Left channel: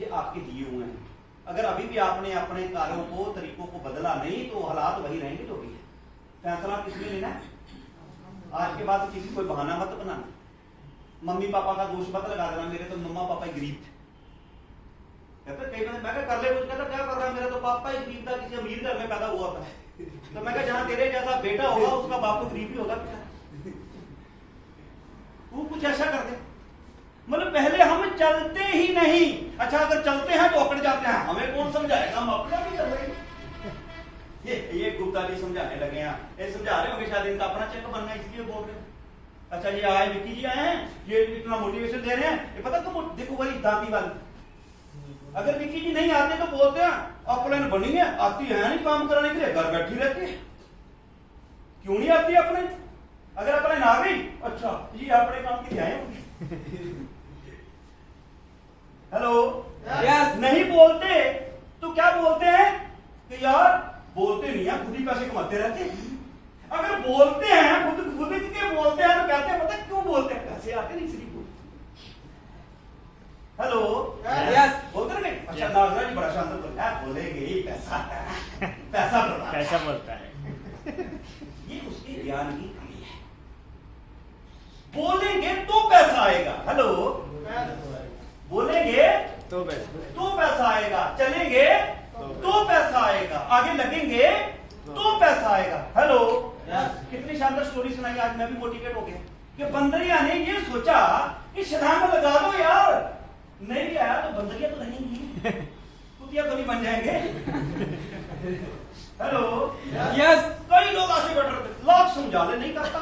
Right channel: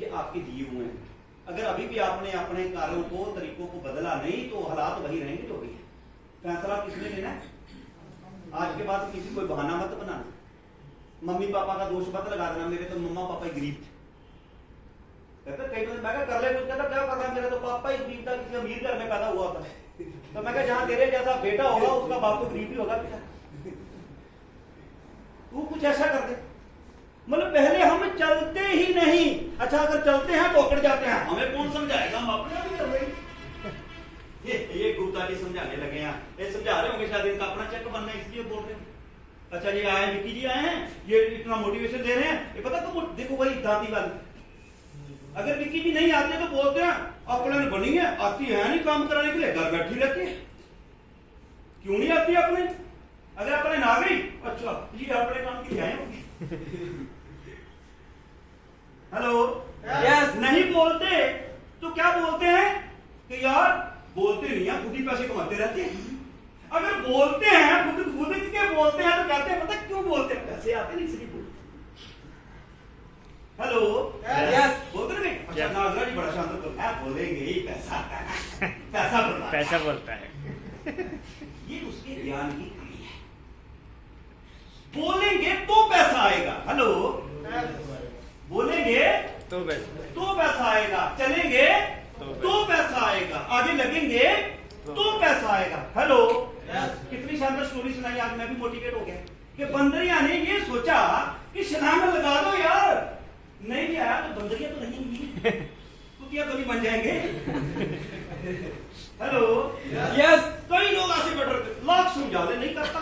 ये आपके दिए हुए हैं। अगर अभी भी आपने अपने कार्यों को तरीकों को बदला नहीं तो हालात वही रहेंगे जो भी है। फैसला किसने लेना है? आज के बाद किसी कोई बहाना मत बनाना, मम्मी पापा का दोष मत लगा देना, मेरे तो मम्मा पापा ही गरीब थे। कहते कई बार मैं कर ले कुछ, कहता क्या कर रहा है, मेरा तो पापा ही गरीब था, किसी अमीर घर में पैदा हुआ था। तो मैं जहां तेरे जैसा बेटा होगा उसका बाप तो गरीब ही होगा। वो कुछ ऐसा कर दे, मतलब पहले हम चलते ही नहीं। अच्छा अगर चलते हैं तो अकड़ जाते हैं, हमें कौन समझाएगा, हम अपना भी कर रहे हैं। ये गुप्ता जी समझाने लगे हैं, ये समझा रहे होंगे शायद इनका अपना चेक बनना है इसलिए बोल रहे हैं। अच्छा जी आए विक्की जी आए हैं, ये इतना मोटिवेशन दे रहे हैं, ये पता तो देखो वही दादी वाली। अगर विक्की जी नहीं आते तो बोलते हैं अपने बनी है, आती है नहीं काम कराने के लिए, घर बैठी रहती है। क्यों नहीं आती अपने? अगर अपने ना गई, अच्छा ये अपने काम की आए होंगे। हेलो यस, नहीं बोलते तो क्या बोलते हैं कि यार बोलते नहीं है, खुद ही पैसे कमाते रहते हैं। अगर बोलते हैं खुद के बोलते हैं तो कहते हैं पता क्यों बोलते हैं, पैसे आते नहीं इसलिए बोलते। हेलो यस, बोलते नहीं? अच्छा नागराज जी बड़ा शानदार बोलता है, बोलेंगे ही पैसा पैसा बोलता है। ये उसके ज्ञान की कमी है। बोलेंगे तो पैसा आएगा। हेलो बोलेंगे तो पैसा आएगा, चलेंगे तो पैसा आएगा, आगे लगेंगे तो पैसा आएगा। हेलो कितनी शानदार स्टोरी सुनाई आज, मैं भी मोटिवेट हो गया कि बंदरिया ने ये सोचा कि छलांग लगा दो यार, नहीं भी आया तो बंदरिया तो रहेंगी, कुतिया तो नहीं बन जाएंगे। हेलो यस, कई लोग ऐसे बैठ रहे, लोग समझा दे, नहीं करता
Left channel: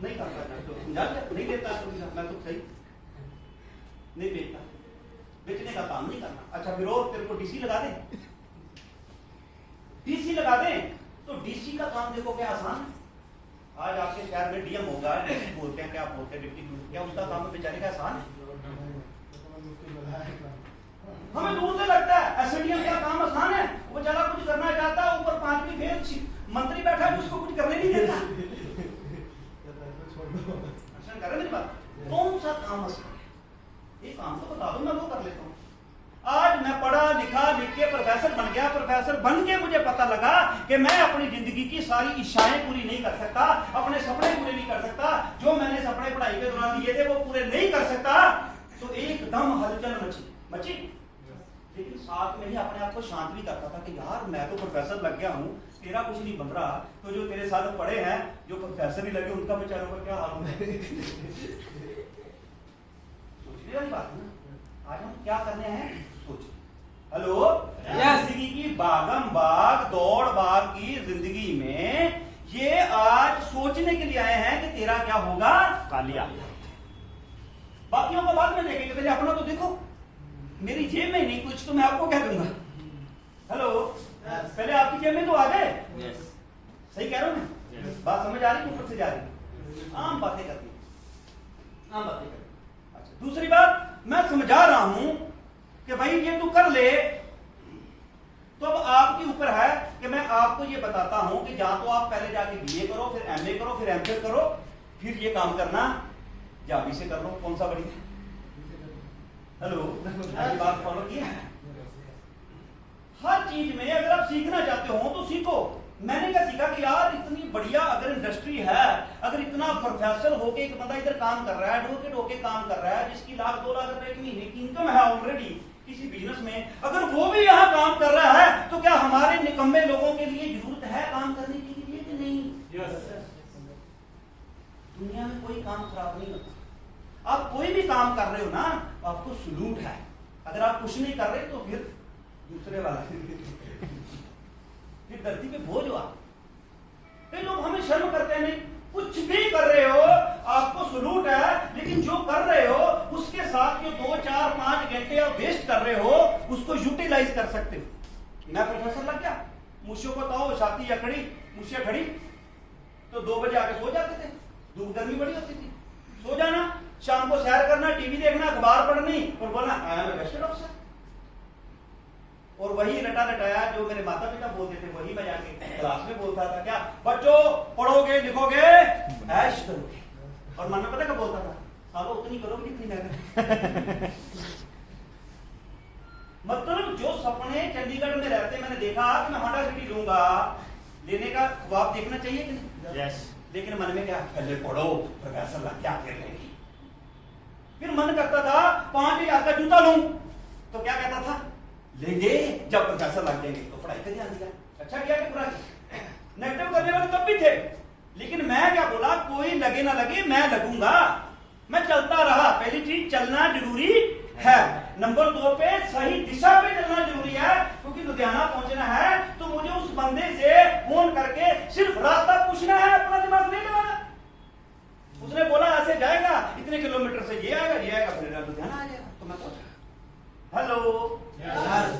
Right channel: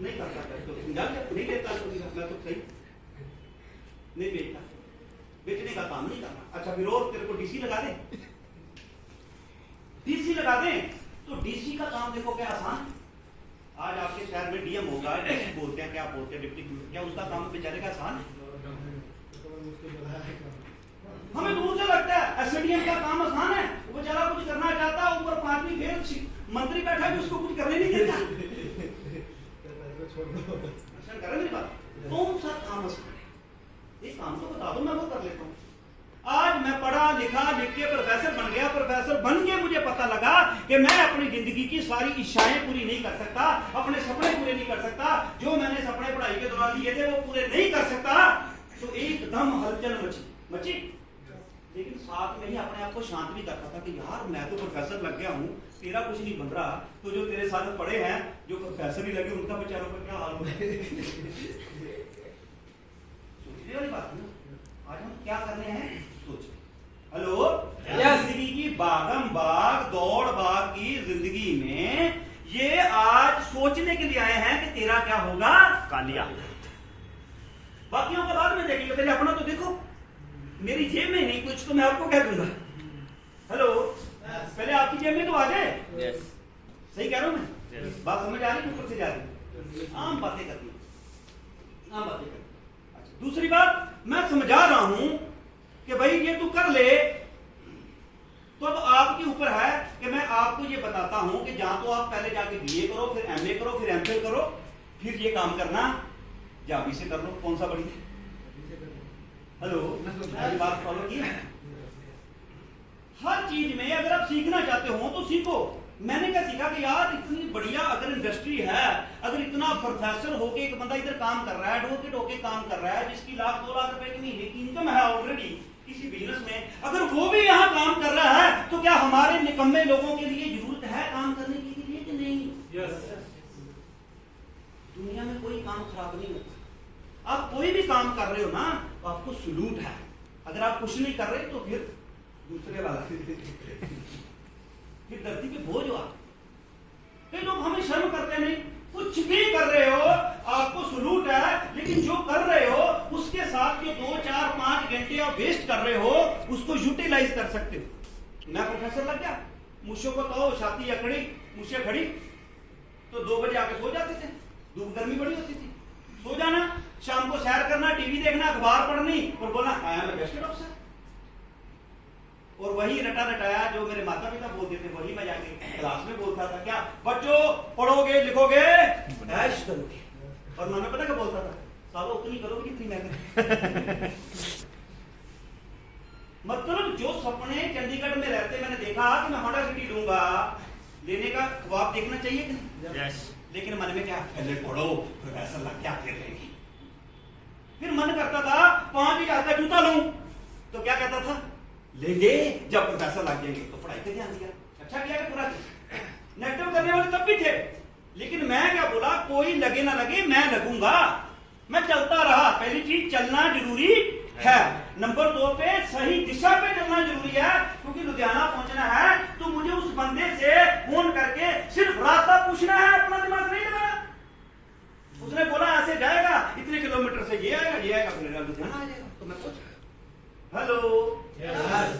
नहीं करता तो समझा नहीं देता, मैं तो सही नहीं बेचता, बेचने का काम नहीं करना। अच्छा विरोध तेरे को डीसी लगा दे, डीसी लगा दे तो डीसी का काम देखो क्या आसान है। आज आपके शहर में डीएम होगा, बोलते हैं क्या बोलते हैं डिप्टी, क्या उसका काम बेचारे का आसान है? हमें दूर से लगता है एसडीएम का काम आसान है, वो बेचारा कुछ करना चाहता है, ऊपर 5वीं फेल मंत्री बैठा है उसको कुछ करने नहीं देता। करे मेरी बात, कौन सा काम आसान है? ये काम तो बता दो, मैं वो कर लेता हूँ। आज मैं पढ़ा लिखा लिख के प्रोफेसर बन गया, प्रोफेसर बन के मुझे पता लगा कि मैं अपनी जिंदगी की सारी इच्छाएं पूरी नहीं कर सकता, अपने सपने पूरे नहीं कर सकता, जो मैंने सपने पढ़ाई के दौरान दिए थे वो पूरे नहीं कर सकता। तो एकदम हलचल मची, लेकिन साथ में ही अपने आप को शांत भी करता था कि यार मैं तो प्रोफेसर लग गया हूँ, तेरा कुछ नहीं बन रहा, तो जो तेरे साथ पढ़े हैं जो प्रोफेसर ही लगे उनका बेचारों का क्या हाल होगा। बात ना, आज हम क्या करने हैं सोच। हेलो जिंदगी की भागम भाग दौड़ भाग की जिंदगी में ये आज सोचने के लिए आए हैं कि तेरा क्या होगा कालिया। बाकियों को बाद में देखेंगे, पहले अपना तो देखो। मेरी जेब में नहीं कुछ तो मैं आपको कह दूंगा। हेलो पहले आपकी जेब में तो आ जाए। सही कह रहा हूं मैं? बात समझ आ रही, ऊपर से जा रही, आम बातें करनी, आम बातें करनी। अच्छा दूसरी बात मैं समझा रहा हूं कि भाई ये तू कर ले, तो अब आपके ऊपर है कि मैं आपको ये बताता हूं कि जहां तो आप पहले जाके बीए करो, फिर एमए करो, फिर एमफिल करो, फिर ये काम करना, या अभी से कर लो, कौन सा बढ़िया? हेलो बात फॉलो किया? हर चीज में अगर आप सीखना चाहते हो तो सीखो। मैंने क्या सीखा कि यार इतनी बढ़िया अगर इंडस्ट्री है, अगर इतना प्रोफेसर होके एक बंदा इधर काम कर रहा है, एडवोकेट होके काम कर रहा है, जिसकी 1-2 लाख रुपए की महीने की इनकम है ऑलरेडी किसी बिजनेस में, अगर वो भी यहाँ काम कर रहा है तो क्या हमारे निकम्मे लोगों के लिए जरूरत है काम करने के लिए कि नहीं? दुनिया में कोई काम खराब नहीं होता। आप कोई भी काम कर रहे हो ना तो आपको सलूट है। अगर आप कुछ नहीं कर रहे तो फिर दूसरे वाला फिर धरती पे बोझ हो आप। कई लोग हमें शर्म करते हैं, नहीं कुछ भी कर रहे हो आपको सलूट है, लेकिन जो कर रहे हो उसके साथ जो 2, 4, 5 घंटे आप वेस्ट कर रहे हो उसको यूटिलाइज कर सकते हो। मैं प्रोफेसर लग गया, मुझसे को तो छाती अकड़ी, मुझसे खड़ी तो 2 बजे आके सो जाते थे, धूप गर्मी बड़ी होती थी, सो जाना, शाम को सैर करना, टीवी देखना, अखबार पढ़नी और बोलना I am a best officer. और वही रटा रटाया जो मेरे माता पिता बोलते थे वही मैं जाके क्लास में बोलता था, क्या बच्चों पढ़ोगे लिखोगे ऐश करोगे। और मन में पता क्या बोलता था, सालों उतनी करोगे जितनी मैं मतलब जो सपने चंडीगढ़ में रहते मैंने देखा कि मैं होंडा सिटी लूंगा, लेने का ख्वाब देखना चाहिए कि नहीं? यस। लेकिन मन में क्या, पहले पढ़ो प्रोफेसर लग क्या कर लेंगे। फिर मन करता था 5,000 का जूता लूं, तो क्या कहता था, लेंगे जब प्रोफेसर लग जाएंगे। तो पढ़ाई पे ध्यान दिया, अच्छा किया कि बुरा किया। नेगेटिव करने वाले तब भी थे, लेकिन मैं क्या बोला, कोई लगे ना लगे मैं लगूंगा, मैं चलता रहा। पहली चीज चलना जरूरी है। नंबर 2 पे सही दिशा पे चलना जरूरी है, क्योंकि लुधियाना पहुंचना है तो मुझे उस बंदे से फोन करके सिर्फ रास्ता पूछना है, अपना दिमाग नहीं लगाना। उसने बोला ऐसे जाएगा, इतने किलोमीटर से ये आएगा फिर लुधियाना आ जाएगा। तो मैं सोचा हेलो,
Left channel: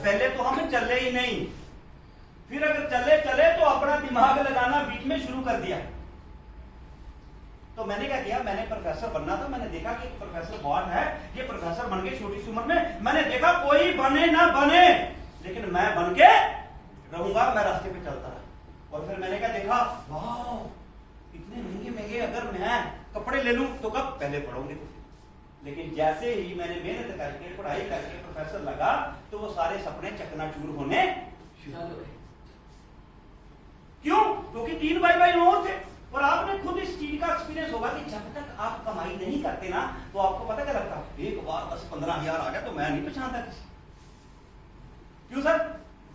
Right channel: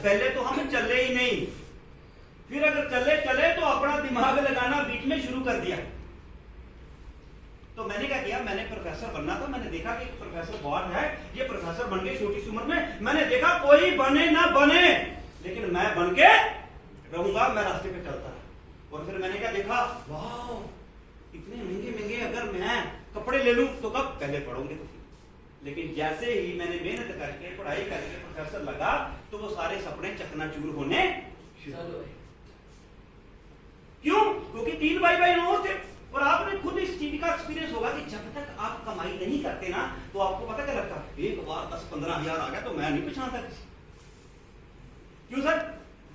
पहले तो हम चले ही नहीं, फिर अगर चले तो अपना दिमाग लगाना बीच में शुरू कर दिया। तो मैंने क्या किया, मैंने प्रोफेसर बनना था। मैंने देखा कि प्रोफेसर बहुत है, ये प्रोफेसर बन गए छोटी सी उम्र में। मैंने देखा कोई बने ना बने, लेकिन मैं बन के रहूंगा। मैं रास्ते पे चलता रहा और फिर मैंने क्या देखा, वाह इतने महंगे महंगे अगर मैं कपड़े ले लूं तो कब, पहले पढ़ोगे तो। लेकिन जैसे ही मैंने मेहनत करके पढ़ाई करके प्रोफेसर लगा तो वो सारे सपने चकनाचूर होने शुरू हुए। क्यों? क्योंकि 3x नोट थे। और आपने खुद इस चीज का एक्सपीरियंस होगा कि जब तक आप कमाई नहीं करते ना तो आपको पता क्या लगता है, एक बार 10-15 हजार आ गया तो मैं नहीं पहचानता किसी। क्यों सर?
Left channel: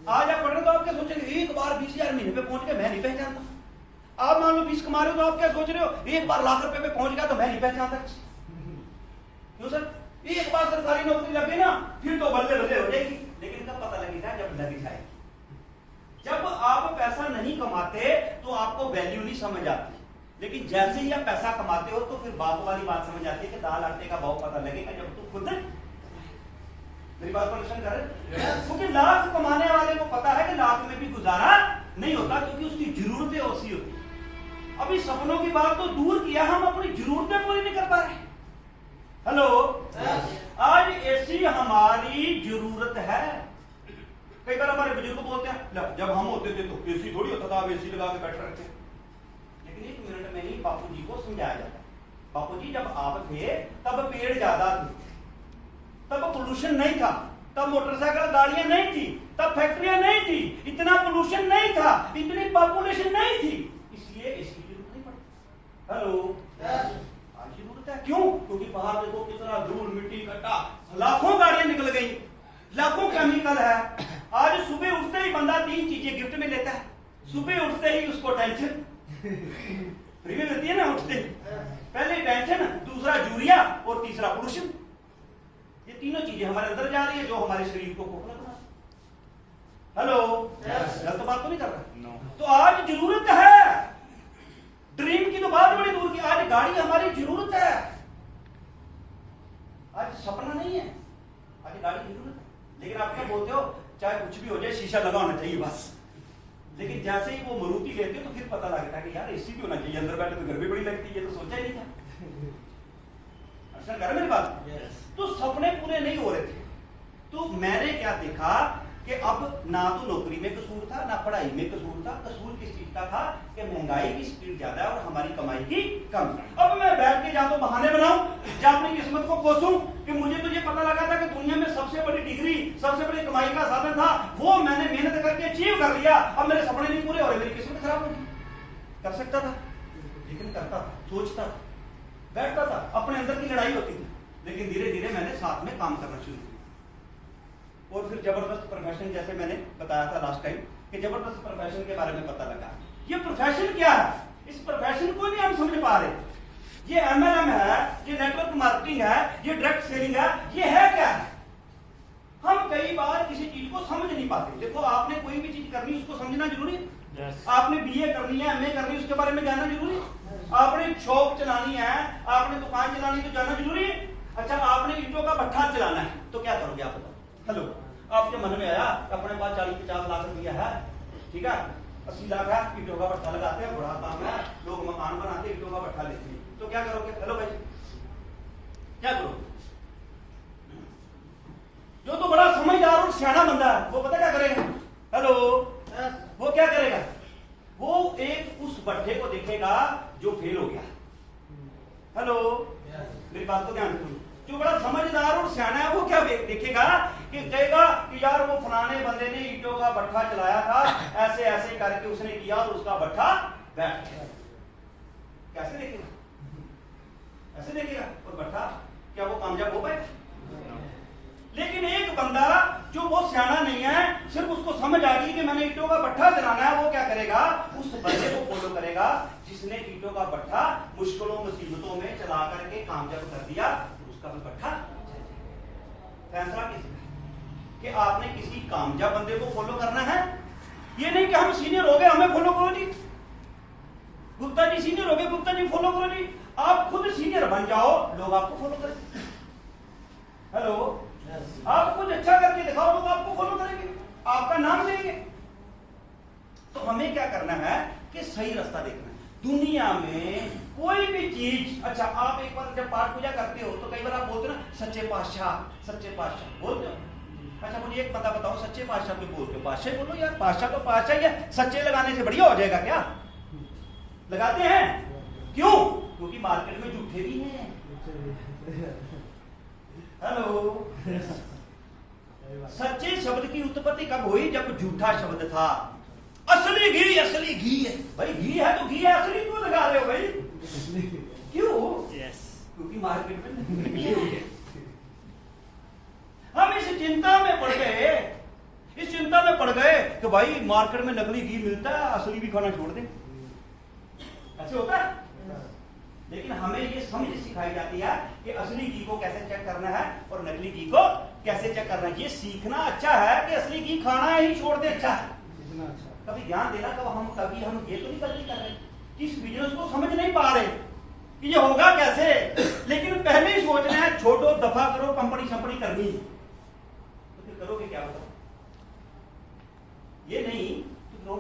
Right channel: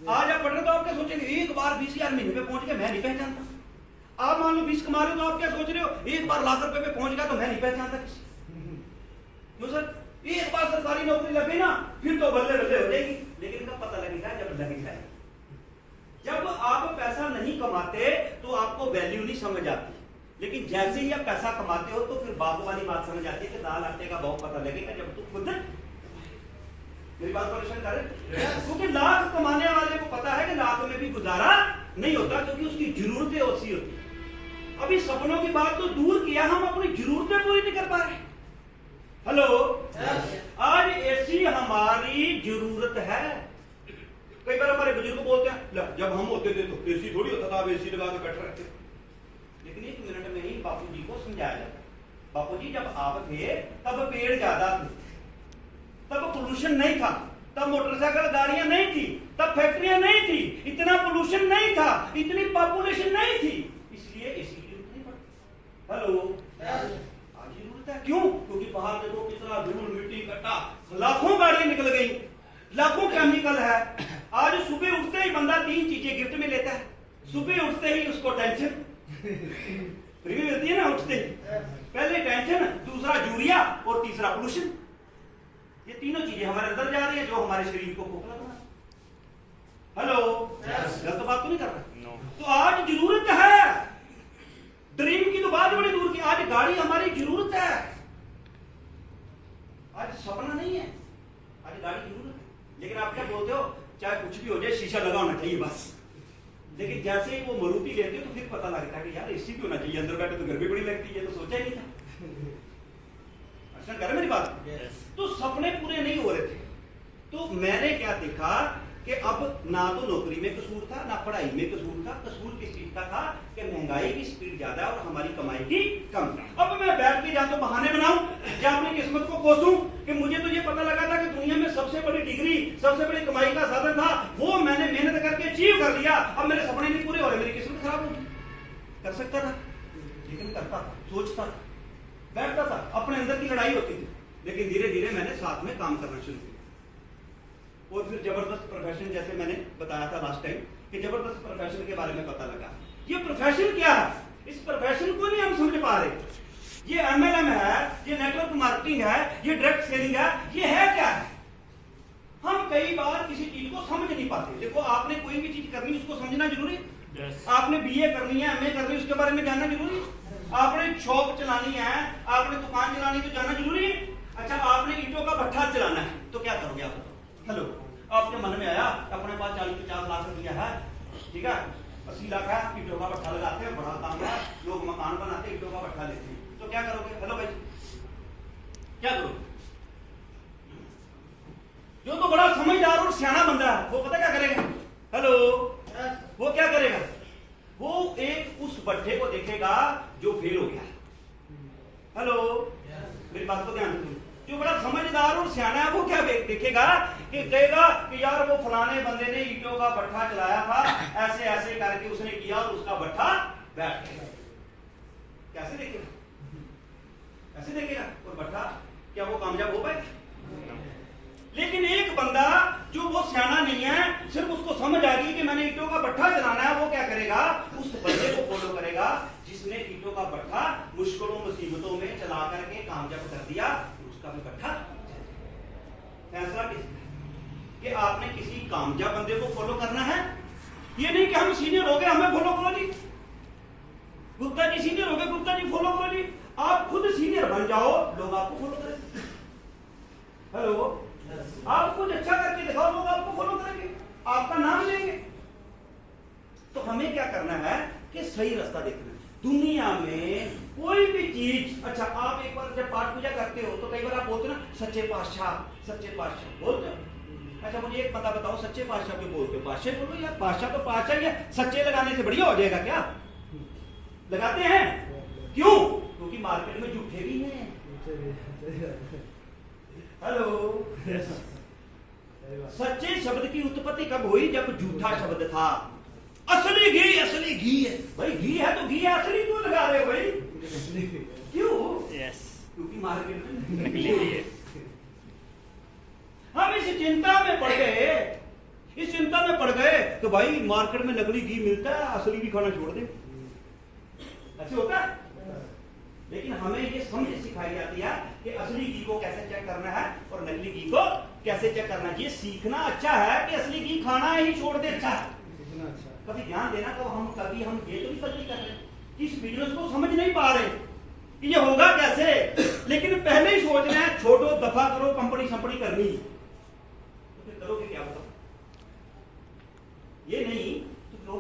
आज आप पढ़ रहे तो आप क्या सोचेंगे, एक बार 20,000 महीने पे पहुंच गए मैं नहीं पहचानता। आप मान लो 20 कमा रहे हो तो आप क्या सोच रहे हो, एक बार लाख रुपए पे पहुंच गया तो मैं नहीं पहचानता किसी। क्यों सर? एक बार सरकारी नौकरी लगे ना फिर तो बल्ले बल्ले हो जाएगी, लेकिन कब पता लगेगा, जब लग जाए। जब आप पैसा नहीं कमाते तो आपको वैल्यू नहीं समझ आती, लेकिन जैसे ही आप पैसा कमाते हो तो फिर बाप वाली बात समझ आती है कि दाल आटे का भाव पता लगेगा जब तू खुद। मेरी बात पर प्रश्न करें, क्योंकि लाख कमाने वाले को पता है कि लाख में भी गुजारा नहीं होता, क्योंकि उसकी जरूरतें ऐसी होती। अभी सपनों की बात तो दूर किया, हम अपनी जरूरतें पूरी नहीं कर पा रहे। हेलो, आज ऐसी हमारी जरूरत है। कई बार हमारे बुजुर्ग बोलते हैं, जब हम होते थे तो एसी थोड़ी होता था, अब एसी लगा के बैठ रहे थे। लेकिन 1 मिनट में ही बापूजी को समझाया जाता, बापूजी जब आप थे तब पेड़ ज्यादा थे, तब पोल्यूशन नहीं था, तब मोटरसाइकिल गाड़ियां नहीं थी, तब फैक्ट्रियां नहीं थी, इतना पोल्यूशन नहीं था, इतनी पॉपुलेशन नहीं थी, इसलिए एसी की जरूरत नहीं पड़ती। हेलो, आज जरूरत है। क्यों? क्योंकि बाहर देखो कितना धूल मिट्टी इकट्ठा, लाखों गाड़ियां निकल गई, लाखों केमिकल है। आज सुबह उठते ही बंदा 3 चीजें गिफ्ट में लेता है। सुबह उठते ही उसको टेंशन फ्री में मिलती है ना, उठते ही पहले टेंशन, दूसरा यूरिया और तीसरा पोल्यूशन। ये तीनों चीजें हमारे अंदर जा रही है जो हमारे शरीर को खोखला बना। हेलो, गलत बात तो नहीं कर रहा? नो। तो आज जरूरत है, ड्रीम की तो बात बड़ी दूर की, आज गाड़ी हमारी जरूरत है, आज सपना नहीं है, आज गाड़ी की जरूरत है। लेकिन आप क्या बोलते हो, चाहे कुछ भी हो जाए शीशा लगा होना चाहिए बस। लेकिन जैसे ही वो मारुति लेते हो तो फिर पता लगता है कि यार एसी भी होना चाहिए, अंदर बैठे तो गर्मी बड़ी लगती है, तो सोचा ही नहीं था। अच्छा कर मेरी बात? तो सपने पूरे नहीं हो रहे थे। तो मैंने क्या देखा कि अब ना तो नौकरी में कसूर था, ना पढ़ाई में कसूर था। कसूर किस चीज का था कि महंगाई की स्पीड ज्यादा है और हमारी कमाई की कम। अब मैं बैठ के या तो बहाने बनाऊं या अपनी किस्मत को कोसूं कि मुझे तो ये पता लगा था कि दुनिया में सबसे बड़ी डिग्री, सबसे बड़ी कमाई का साधन था, वो मैंने मेहनत करके अचीव कर लिया। अब मेरे सपने नहीं पूरे हो रहे, मेरी किस्मत खराब होगी। कर सकता था, लेकिन करता था, सोचता था, बैठता था, अपने अंदर की लड़ाई होती थी। लेकिन धीरे धीरे मैंने साथ में काम करना शुरू किया और फिर जबरदस्त प्रोफेशन, जैसे मैंने बताया था लास्ट टाइम कि जबरदस्त प्रोफेशन के बारे में पता लगा। ये प्रोफेशन क्या है, इस प्रोफेशन को नहीं हम समझ पा रहे। ये MLM है, ये नेटवर्क मार्केटिंग है, ये डायरेक्ट सेलिंग है, ये है क्या है? हम कई बार किसी चीज को समझ नहीं पाते। देखो, आपने कोई भी चीज करनी उसको समझना जरूरी है। आपने BA करनी है, MA करनी है, उसके बारे में जानना जरूरी है। आपने शॉप चलानी है, आपने दुकान चलानी है तो जानना जरूरी है। अच्छा, आपने ईंटों का भट्ठा चलाना है तो क्या करोगे आप बताओ? हेलो, आपके मन में आया अपने पास 40-50 लाख रुपया है, ठीक है, 80 लाख है, ईंटों का भट्ठा लगाते हैं, बड़ा काम है, लोग मकान बनाते ईंटों का भट्ठा लेते हैं, तो क्या करोगे? हेलो भाई, क्या करोगे? जो तो बड़ा समझदार और सियाना बंदा है वो पता क्या करेगा? हेलो, वो क्या करेगा? वो एक उस भट्ठे को देखेगा जो फेल हो गया। हेलो, मेरी बात को ध्यान रखिए। जो बड़ा समझदार और सियाना है वो क्या देखेगा कि कहेगा कि यार वो फलाने बंदे ने ईंटों का भट्ठा चलाया था, ऐसे ऐसे करके उसने किया और उसका भट्ठा बैठ गया। कैसे देखेगा? ऐसे देखेगा। और भट्ठा क्या वो कामयाब हो पाएगा? लेकिन एक बंदा जो वो सियाना नहीं है, सिर्फ उसको समझ आ गई कि मैंने ईंटों का भट्ठा चलाना है, वो क्या करेगा? उस बंदे को फॉलो करेगा जिसने ईंटों का भट्ठा मुश्किलों मुसीबतों में चला करके कामयाब कर दिया, उसका भी भट्ठा। फैसला किसका? कि आपने किसी कामयाब बंदे को फॉलो करना है। ये नहीं कि हम सीनियर हो गए हमें फॉलो करो जी, गुप्ता जी सीनियर हो गए गुप्ता जी फॉलो करो जी। आप खुद सीनियर बन जाओ, लोग आपको फॉलो करेंगे। हेलो, आप कुछ अच्छा करके दिखाओ, लोग आपको फॉलो करेंगे, आपका नाम लेंगे। तो हमें क्या करना है कि सही रास्ता देखना है। दुनिया में कोई भी चीज, अच्छा आप एक बार जब पाठ पूजा करते हो तो कई बार आप बोलते हो ना सच्चे पातशाह बोलते हो। अच्छा मुझे एक पता बताओ, सच्चे पातशाह कोई बोलते हो? पातशाह बोलो यार, पातशाह तो पातशाह है। सच्चे लगाने से बढ़िया हो जाएगा क्या? लगाते हैं क्यों? क्योंकि मार्केट में झूठे भी हैं। हेलो, सच्चे शब्द की उत्पत्ति कब हुई? जब झूठा शब्द था। असली घी है भाई, घी है तो घी है, असली क्यों लगा रहे हो भाई? क्यों? क्योंकि मार्केट में नकली घी है। हम इस चिंता में पड़ गए कि भाई मार्केट में नकली घी मिलता है, असली भी खाना छोड़ दे। अच्छा होता है? लेकिन हमें ये समझ सिखाई जाती है कि असली घी को कैसे चेक करना है और नकली घी को कैसे चेक करना है। ये सीखना अच्छा है कि असली घी खाना ही छोड़ दे अच्छा है। कभी ध्यान देना तो हम ये तो नहीं गलती कर रहे, इस बिजनेस को समझ नहीं पा रहे कि ये होगा कैसे, लेकिन पहले ही सोच रहे हैं छोड़ो दफा करो, कंपनी शंपनी करनी, तो फिर करोगे क्या? ये नहीं तो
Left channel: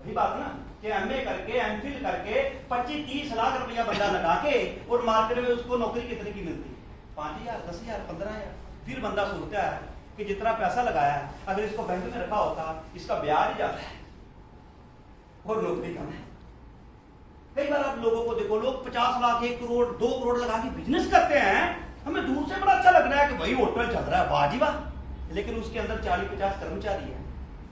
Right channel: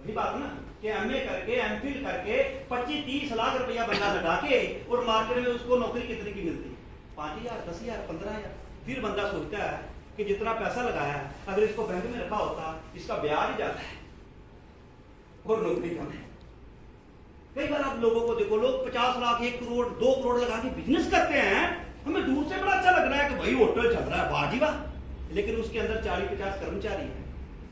वही बात ना कि एमए करके एमफिल करके 25-30 लाख रुपया बंदा लगा के और मार्केट में उसको नौकरी कितने की मिलती है? 5,000, 10,000, 15,000। फिर बंदा सोचता है कि जितना पैसा लगाया अगर इसको बैंक में रखा होता, इसका ब्याज ज्यादा है और नौकरी कम है। कई बार आप लोगों को देखो, लोग 50 लाख, 1 करोड़, 2 करोड़ लगा के बिजनेस करते हैं। हमें दूर से बड़ा अच्छा लग रहा है कि भाई होटल चल रहा है, वाह जी वाह, लेकिन उसके अंदर 40-50 कर्मचारी हैं,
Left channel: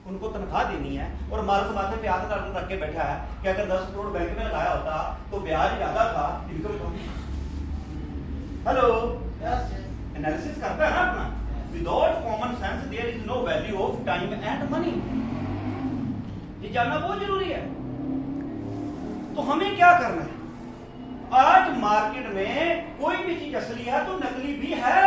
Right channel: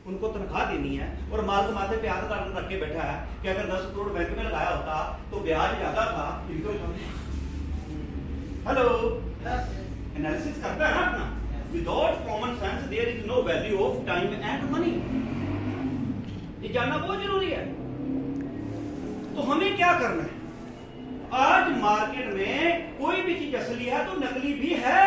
उनको तनख्वाह देनी है और मार्ग माथे पे हाथ रख के बैठा है कि अगर 10 करोड़ बैंक में लगाया होता तो ब्याज ज्यादा था, इनकम कम। हेलो, एनालिसिस करता है ना अपना। Without common sense there is no value of time and money. ये जानना बहुत जरूरी है। तो हमें क्या करना है? आज मार्केट में कोई भी चीज असली है तो नकली भी है।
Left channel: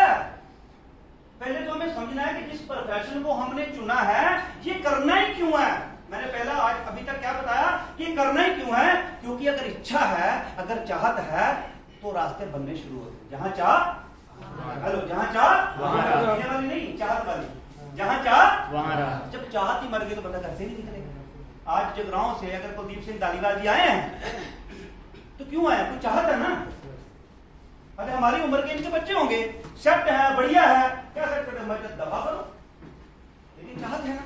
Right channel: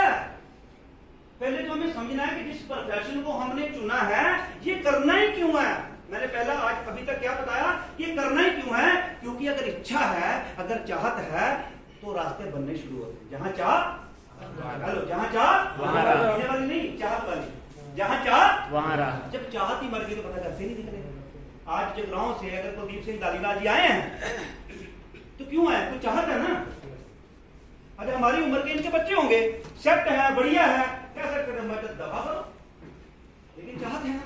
पहले तो हमें समझना है कि जिस प्रोफेशन को हमने चुना है ये करना ही क्यों है। मैंने पहला आज अभी तक क्या बताया कि करना ही क्यों है? क्योंकि अगर इच्छा है, अगर चाहत है तो रास्ते बनने शुरू होते हैं। जहां चाह, हेलो, जहां चाह वहां राह, वाली नहीं, चाहत वाली। जहां चाह वहां राह। जब चाहत ही मर गई तो पता घर से नहीं निकलेगा। आज जगराओं से अगर कुलदीप सिंह धालीवाल जी आए हैं तो क्यों आए? तो चाहत है ना। अगर हमारी उम्र के इनके बच्चे होंगे, सेट है, बढ़िया है, क्या सेट करते हैं? दफा करो, लेकिन चाहत है ना।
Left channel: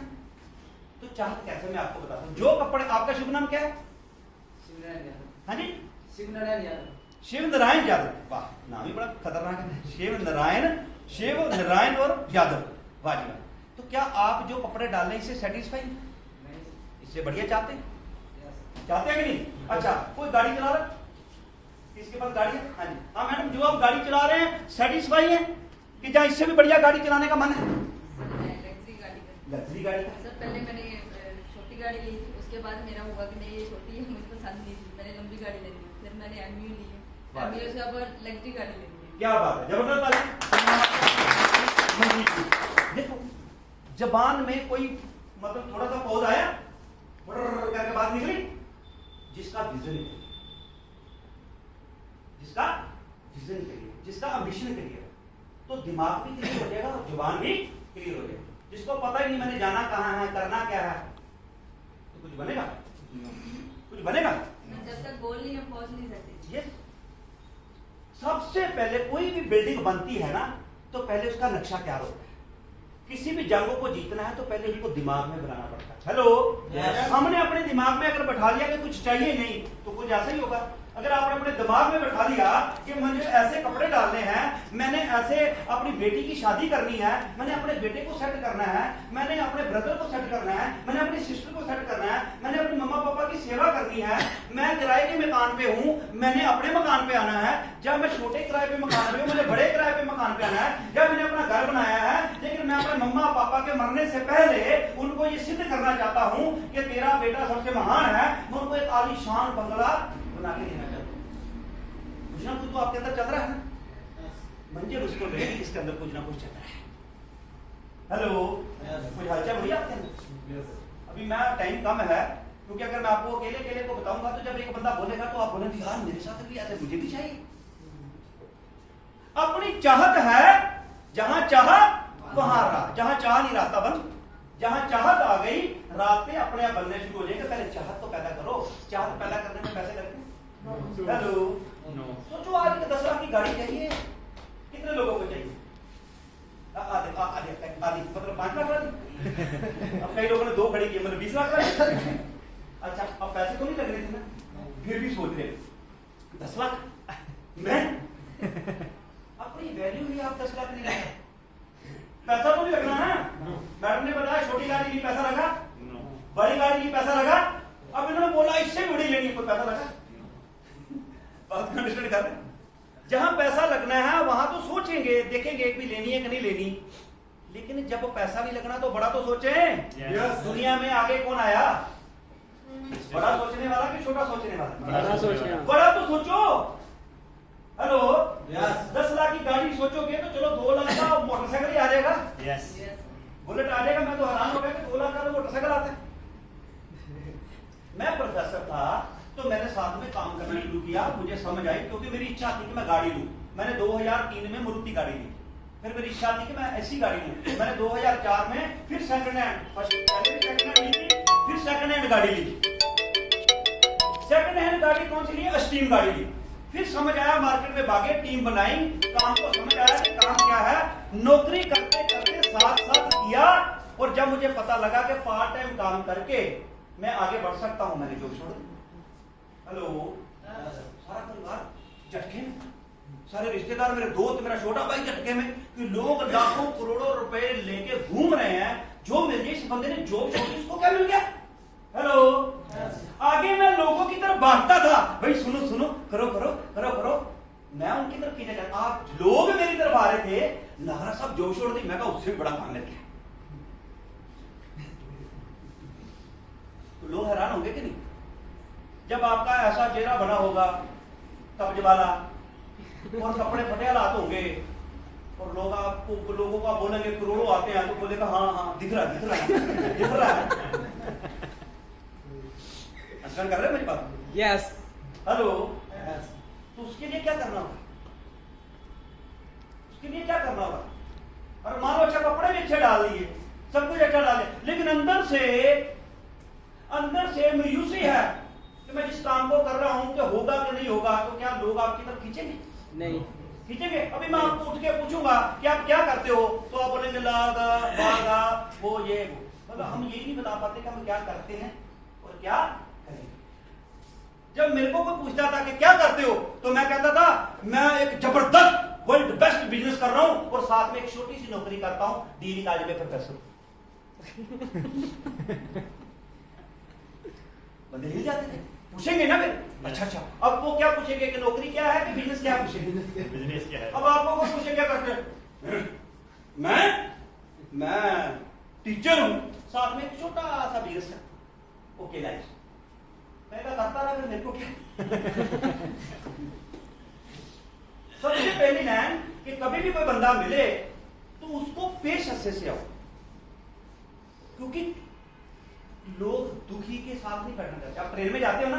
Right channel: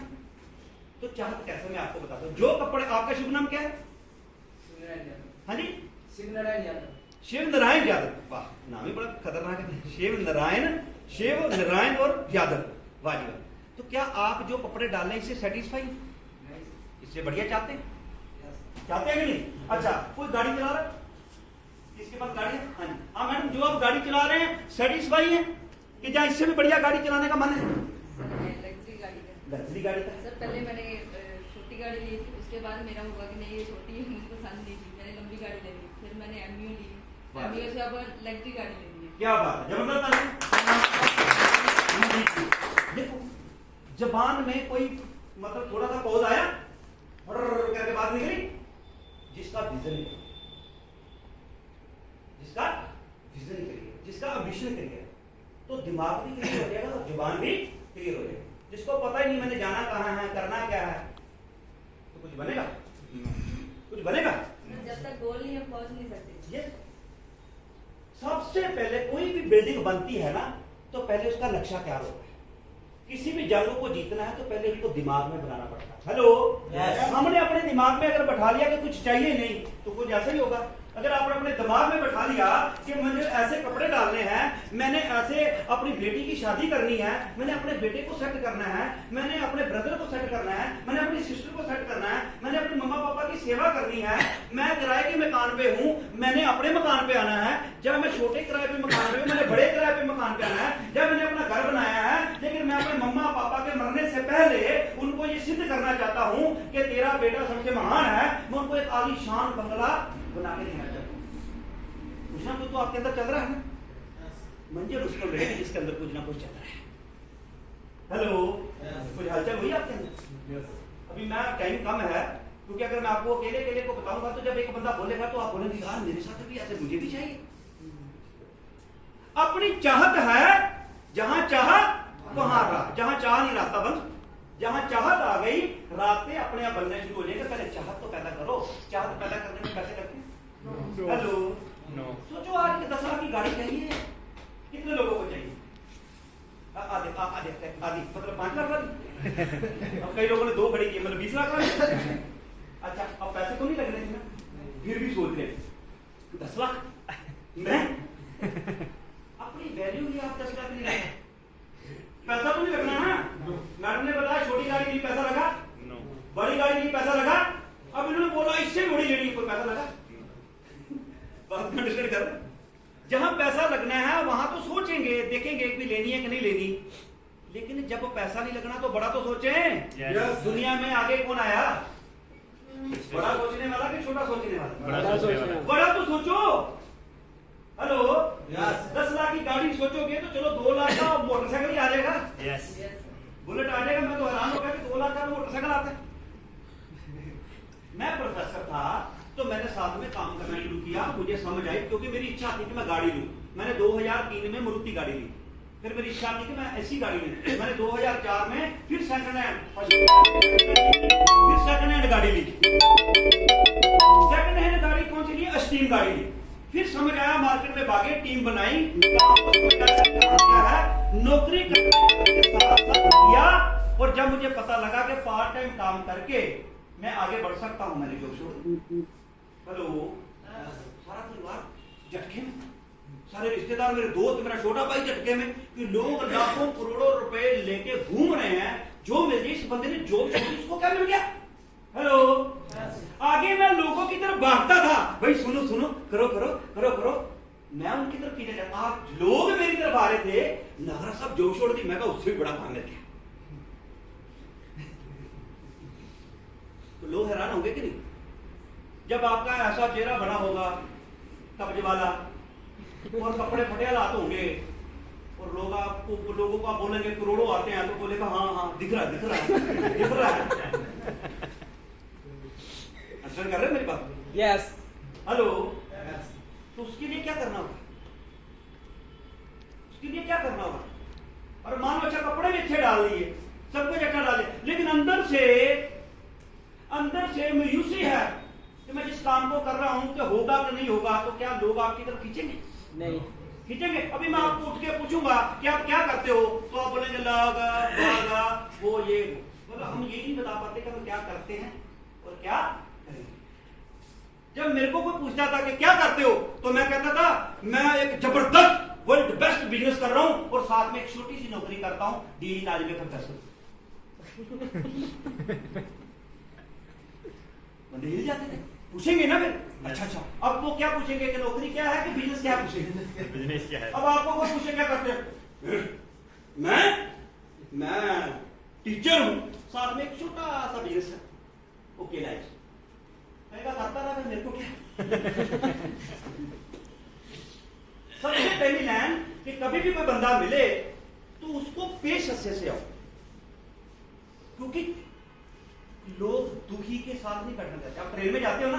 तो चाहत कैसे, मैं आपको बताता हूँ। जो कपड़े, आपका शुभ नाम क्या है? हाँ जी, शिव नारायण यादव। वाह, नाम ही बड़ा खतरनाक है। शिव नारायण और यादव, वाह जी वाह। तो क्या आप जो कपड़े डाल रहे हैं इससे सेटिस्फाई? इससे बढ़िया चाहते हैं कि नहीं? अच्छा, कोई गाड़ी चला रहा है, इसके पास गाड़ी है? हाँ जी, हाँ मैडम, जो आप गाड़ी चला रहे हैं सेटिस्फाई है कि जहाँ इससे भी बढ़िया गाड़ी चलाने का मन है? लग्जरी गाड़ी का सर, पहले मैंने छोटी गाड़ी ली थी, उसके बाद मेरा हुआ कि नहीं ये छोटी मुझे पसंद नहीं थी, मैंने लंबी गाड़ी ले ली, फिर मैंने एमयू ली, एमयू से अब लग्जरी गाड़ी ले ली। क्या बात है, जबरदस्त। देखो, जबान में कोई मतलब थोड़ा सा पौध आया करके बात निकली, जिसका विजन है, जिसका अम्बिशन क्लियर, तो दिमाग भी क्लियर हो जाएगा और जुबान भी क्लियर हो जाएगा। जिसको पता ही नहीं मैंने जाना कहाँ है, करना क्या है, तो कुछ बनेगा? जब तक गोल नहीं हम पहुंच नहीं सकते। ये सबसे पहले कोई भी बिल्डिंग बनती है ना, तो पहले उसका नक्शा क्या होता है। किसी भी जंग को जीतना है तो पहले उसको दिमाग में बनाना पड़ता है। हेलो, हमने अपने दिमाग में अगर बैठा लिया कि कुछ चाहिए नहीं, तो कुछ ऐसा ही होगा। अगर आपने अपने दिमाग में बैठा लिया कि मुझे ऐसे कपड़े डालने हैं, मैंने ऐसे अपनी बेटी की शादी करनी है, मैंने अपने बेटे को सेट करना है, मैंने अपने ब्रदर को सेट करना है, मैंने अपनी सिस्टर को सेट करना है, मैंने अपने मम्मा पापा की सेवा करनी है, मैं किराए के मकान पे हूँ, मैंने अपने मकान पे आना है, जब मैं छोटे किराए पे मकान पे हूँ, मैंने बड़े किराए पे मकान पे आना है, जब मैंने अपना घर बनाया है, लेकिन मैं अपने मम्मा पापा के मरने से पहले उनको ये सिद्ध करना चाहता हूँ कि तेरा बेटा सबसे महान है, मैं उनको एक आलीशान बंगला बना के देना चाहता हूँ। कुछ ना कुछ तो आपके अंदर चल रहा है ना, मंजिल उसको मिले जिसके अंदर कुछ ना कुछ चल रहा है। हेलो, कुछ हलचल हुई आपके अंदर? अभी मैं टाइम कम है, क्योंकि अगर मैं आपको अकेले को बताऊंगा तो जब एक बंदा बोलेगा तो आप बोलेंगे यार मेरे साथ भी ऐसा, मुझे भी चाहिए। अपनी चाहत है, जहां चाह वहां राह, जहां चाह नहीं रास्ता बंद, जहां चाहत आ गई रास्ते अपने आप बनने शुरू हो जाएंगे। पहले चाहत तो पैदा करो, चाहत पैदा करने में पैसे लगते हैं। हेलो, सोचो आज के 10 लाख की गाड़ी चाहिए, कितने लोगों को चाहिए? आधे मतलब 5 लाख वाली। अब कई लोगों ने 2 खड़ी की, मतलब 20 लाख वाली। अच्छा, अब पैसे तो नहीं लग रहे थे ना, फिर भी सोच रहे 10 लाख मैं अपनी वैल्यू में आप 10 लाख नहीं लगा, पैसा तो नहीं लगना है। मैडम ने बताया छोटी गाड़ी के लिए पैसा लगा, बड़ी गाड़ी के लिए पैसा लगा, अब इन्होंने बोला इससे भी बड़ी लेनी, कोई पैसा लगा? बात कर रहे हैं। जहां पैसा लगना है वहां तो सोचेंगे, देखेंगे कि लेनी है कि नहीं लेनी, लेकिन जब पैसा नहीं लगना तो बड़ा तो सोचें। दुनिया में आगे कौन आया? बड़ा सोचने वाला कि छोटा सोचने वाला? बड़ा तो सोचो। हेलो, 10 लाख की गाड़ी सोचोगे तो चलो 2 लाख का मोटरसाइकिल ही आ जाएगा, बुलेट आ जाएगा। मैं तो हैरान हो गया कि 2 लाख का तो मोटरसाइकिल आता है। मैं प्रोफेसर था तो मैंने साथ में काम करना शुरू किया, मुझे समझ आई, क्योंकि मेरी इच्छा थी कि मैं गाड़ी लूं। मैंने 2003 में मारुति गाड़ी ली, फिर मेरी इच्छा थी कि मैं ऐसी गाड़ी लूं। मैंने 2004 में फिर सेकंड हैंड गाड़ी ली। सेकंड हैंड गाड़ी कौन सी ली? स्टीम गाड़ी ली। फिर समझ आया, मार्केट में भागे, टीम बनाई, काम को समझ आया काम क्या है, नौकरी करते साथ साथ किया। और जब मुझे पता लगा कि पार्ट टाइम काम करके मैं आगे बढ़ सकता हूं, मैंने जॉब छोड़ी। हेलो, सारा परिवार झटके में, सारे रिश्तेदार, मेरे दोस्त, मेरा छोटा भाई झटके में, कि लोग लाखों करोड़ों रुपए लेके घूम रहे हैं। जो मिल गई, इस बंदे ने जॉब छोड़ी, उसको क्या मिल गया? हेलो, आगे मैं लोगों की तरफ भागता था, भाई सुनो सुनो, करो करो करो करो, मैं उनकी तरफ खींचा जाता। आज लोग मेरी तरफ आ रहे थे, नारा साहब जॉब छोड़ दी, मैं कहा उससे भी बड़ा काम मिल गया। तो लोग हैरान होंगे कि नहीं? जब आपका ऐसा चेहरा बना होगा कब्ज वाला और कपड़े फटे हाथ होंगे और लोगों को आप बोलेंगे करोड़ों आते हैं, तो बोलेगा हाँ हाँ दिख रहा है। अंदर कर रहे मेरी बात? यस। हेलो, तो उसके लिए क्या करना होगा? उसके लिए क्या करना होगा? और मान लो अच्छा कपड़े भी अच्छे डाल दिए, सब कुछ अच्छा डाले, लेकिन अंदर से मायूसी है कि मैं जिस काम को कर रहा हूं कि होगा कि नहीं होगा, तो क्या लोग आपकी तरफ खींचेंगे? नहीं खींचेंगे। अभी मैं आपको उठ के पूछूंगा कि आप क्या करते हो, तो आप बोलेंगे लगा वो ये वो। तो हम यही नहीं बता पाते कि हम क्या करते हैं और क्या करेंगे। जब मेरे को कोई पूछता था कि क्या करते हो, तो मैं कहता था मैं एक जबरदस्त वर्ल्ड बेस्ट बिजनेस कर रहा हूं और साथ में एक छोटी सी नौकरी करता हूं, डीएवी कॉलेज में प्रोफेसर। बंदे हिल जाते थे, पूछेंगे ना फिर अच्छा, अब वो क्या पूछेंगे कि नौकरी क्या है कि बिजनेस क्या पूछेंगे? बिजनेस क्या है? अब आपको कोई पूछेंगे क्या करते हैं, मैं टीचर हूं, साथ में एक छोटा सा बिजनेस है, ओके लाइफ। मैं करता रहा, मेरे को क्या। सबसे पहली लाइन कि कभी भी कोई बंदा मिले तो उसको पेश से आओ, क्योंकि लोग दुखी के साथ नहीं बैठना चाहते। आप ट्रेन में जाते हो ना,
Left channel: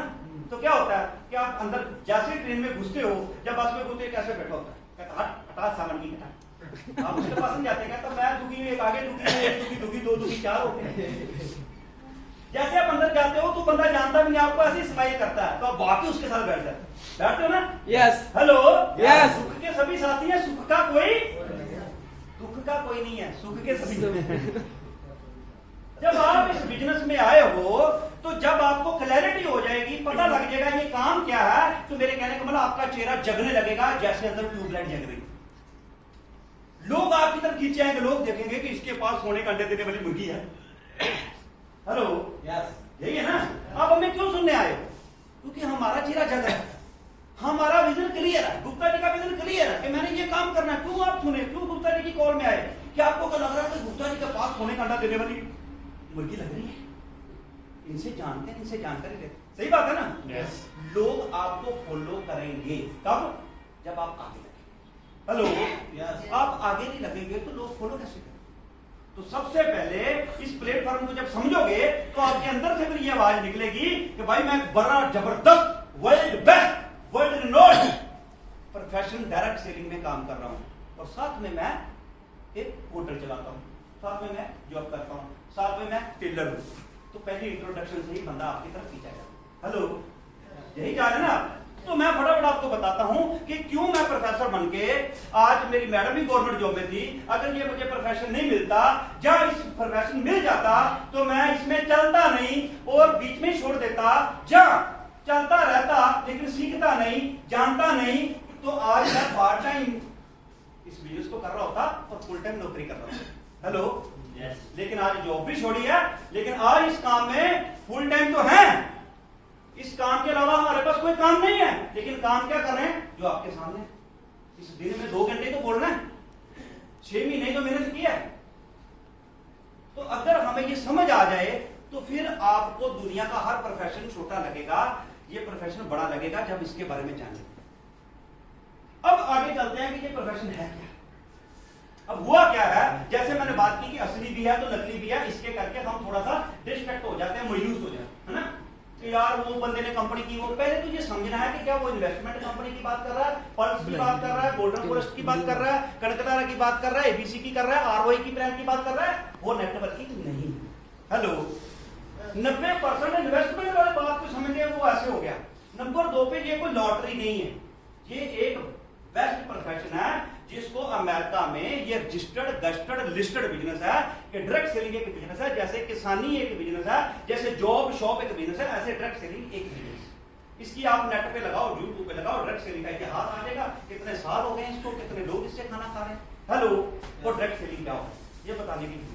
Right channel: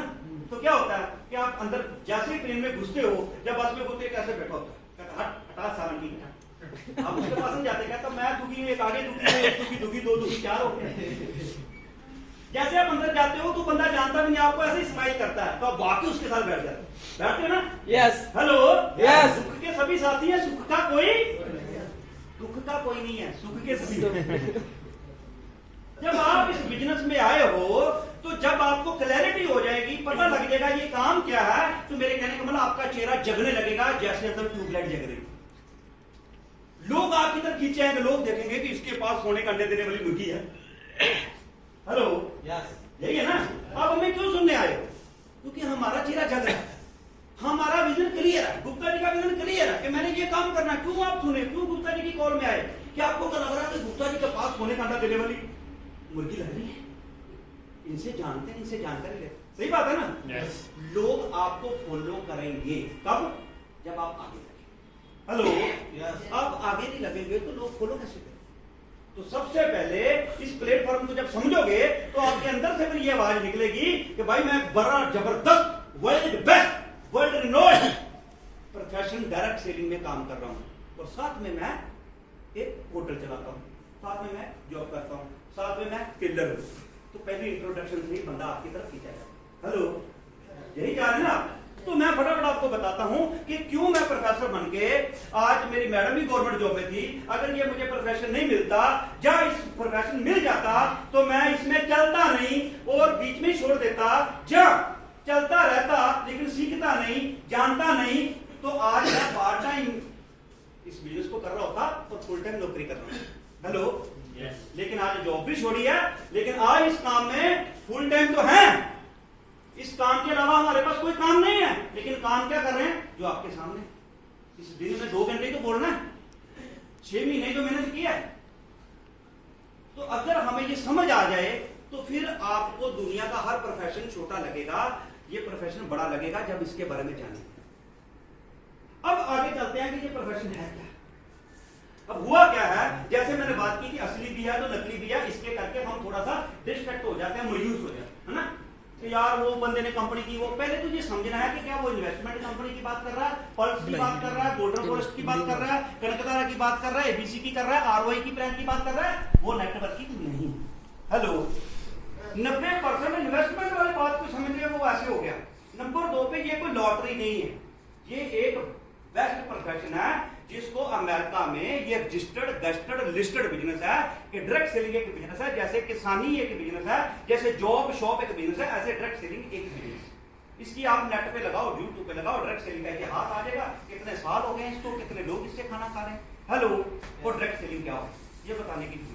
तो क्या होता है कि आप अंदर जैसे ही ट्रेन में घुसते हो, जब बस में घुसते कैसे बैठा होता है, कहता हटा सामान की घटा, आप उसके पास नहीं जाते, कहता मैं दुखी हूं, एक आगे दुखी है, एक दुखी दुखी, 2 दुखी, 4 होते हैं। जैसे आप अंदर जाते हो तो बंदा जानता भी नहीं, आपको ऐसे ही स्माइल करता है, तो आप बाकी उसके साथ बैठ जाते हो। बैठते हो ना? यस। Hello, yes. सुख के सभी साथी हैं, सुख का कोई दुख का कोई नहीं है, सुख के सभी। जब आप इस बिजनेस में आए हो तो जब आपको क्लैरिटी हो जाएगी, पता लग जाएगा ये काम क्या है, तो मेरे कहने का मतलब आपका चेहरा जगने लगेगा जैसे अंदर ट्यूबलाइट जग रही। लोग आपकी तरफ खींचे आएंगे, लोग देखेंगे कि इसके पास सोने का अंडे देने वाली मुर्गी है। हेलो, यही है ना? आप हमें क्यों सुनने आए हो? क्योंकि हमारा चेहरा जग रहा है, हमारा विजन क्लियर है, गुप्ता जी का विजन क्लियर है कि मैंने ये काम करना है। क्यों आप सुने, क्यों गुप्ता जी की कॉल में आए? क्या आपको क्या लग रहा है कि गुप्ता जी के पास सोने का अंडा देने वाली मुर्गी लग रही है? इनसे जानते हैं, इनसे जानकारी ले। सही बात है ना? yes. लोग आपको फॉलो करेंगे कब? जब आप आगे लगेंगे। Hello, yes. आप आगे नहीं लगेंगे तो लोग फॉलो कैसे करेंगे? तो सबसे पहले इस प्लेटफॉर्म को जब समझोगे तो आपके अंदर से भी ये आवाज निकलेगी कि भाई मैं बड़ा जबरदस्त world best world Reynold professional direct selling में काम कर रहा हूं और साथ में मैं एक होटल चलाता हूं, साथ में मैं जॉब करता हूं, साथ में मैं टेलर हूं। तो पहले इंट्रोडक्शन से ही बंदा आपकी तरफ खींचेगा। हेलो, यही जा रहे हैं ना? तो मैं फटाफट आपको बताता हूं कि क्यों मैं प्रोफेसर बन के, आज मेरी मैडम ही गवर्नमेंट जॉब में थी, अगर ये मुझे प्रोफेशन नहीं मिलता, जब इस प्रोफेशन मिल जाता तो मैं इसमें चलता नहीं और बीच में ही छोड़ देता। जब चलता रहता लेकिन सीखता नहीं, जानता नहीं, तो आज मैं पार्ट टाइम इस बिजनेस को कर रहा होता और फुल टाइम नौकरी कर रहा हूं। Hello, yes. लेकिन आज जॉब भी छोड़ी है, लेकिन आज इस काम में फुल टाइम तो है। इस काम के अलावा हमारे पास कोई काम नहीं है, लेकिन काम क्या कर रहे हैं? जो आपके सामने। इस दिन में 2 घंटे तो बोलना है, 6 महीने तो मेहनत किया है। तो अगर हमें ये समझ आ जाए तो फिर आपको दुनिया का हर प्रोफेशन छोटा लगेगा, ये प्रोफेशन बड़ा लगेगा जब इसके बारे में जाने। अब आगे चलते हैं कि ये प्रोफेशन है क्या। अब हुआ क्या है, जैसे मैंने बात की कि असली भी है तो नकली भी है, इसके करके हम थोड़ा सा डिस्ट्रैक्ट हो जाते हैं, मायूस हो जाते हैं, है ना? तो यार वो बंदे ने कंपनी की, वो पहले तो ये समझना है कि क्या वो इन्वेस्टमेंट कंपनी की बात कर रहा है, पल्स की बात कर रहा है, गोल्डन फॉरेस्ट की बात कर रहा है, कनकतारा की बात कर रहा है, एबीसी की कर रहा है, आरओआई की ब्रांड की बात कर रहा है, वो नेटवर्किंग नहीं। हेलो, 90% इन्वेस्टमेंट वाली बात को समझते हैं, वो ऐसे हो गया। नंबर 2 पे ये कोई लॉटरी नहीं है, ये एक बेस्ट प्रोफेशन है जिसको अमेरिका में ये रजिस्टर्ड गस्टर्ड लिस्टेड बिजनेस है कि डायरेक्ट सेलिंग एक बिजनेस है, जैसे किसानी एक बिजनेस है, जैसे जॉब शॉप एक बिजनेस है, ऐसे डायरेक्ट सेलिंग एक बिजनेस। इसकी आप नेट पे लगाओ, यूट्यूब पे लगाओ, डायरेक्ट सेलिंग का इतिहास आ जाएगा, कितने साल हो गए इसको, कितने लोग इससे खाना खा रहे हैं। हेलो, वो डायरेक्ट सेलिंग क्या हो ये बताने की।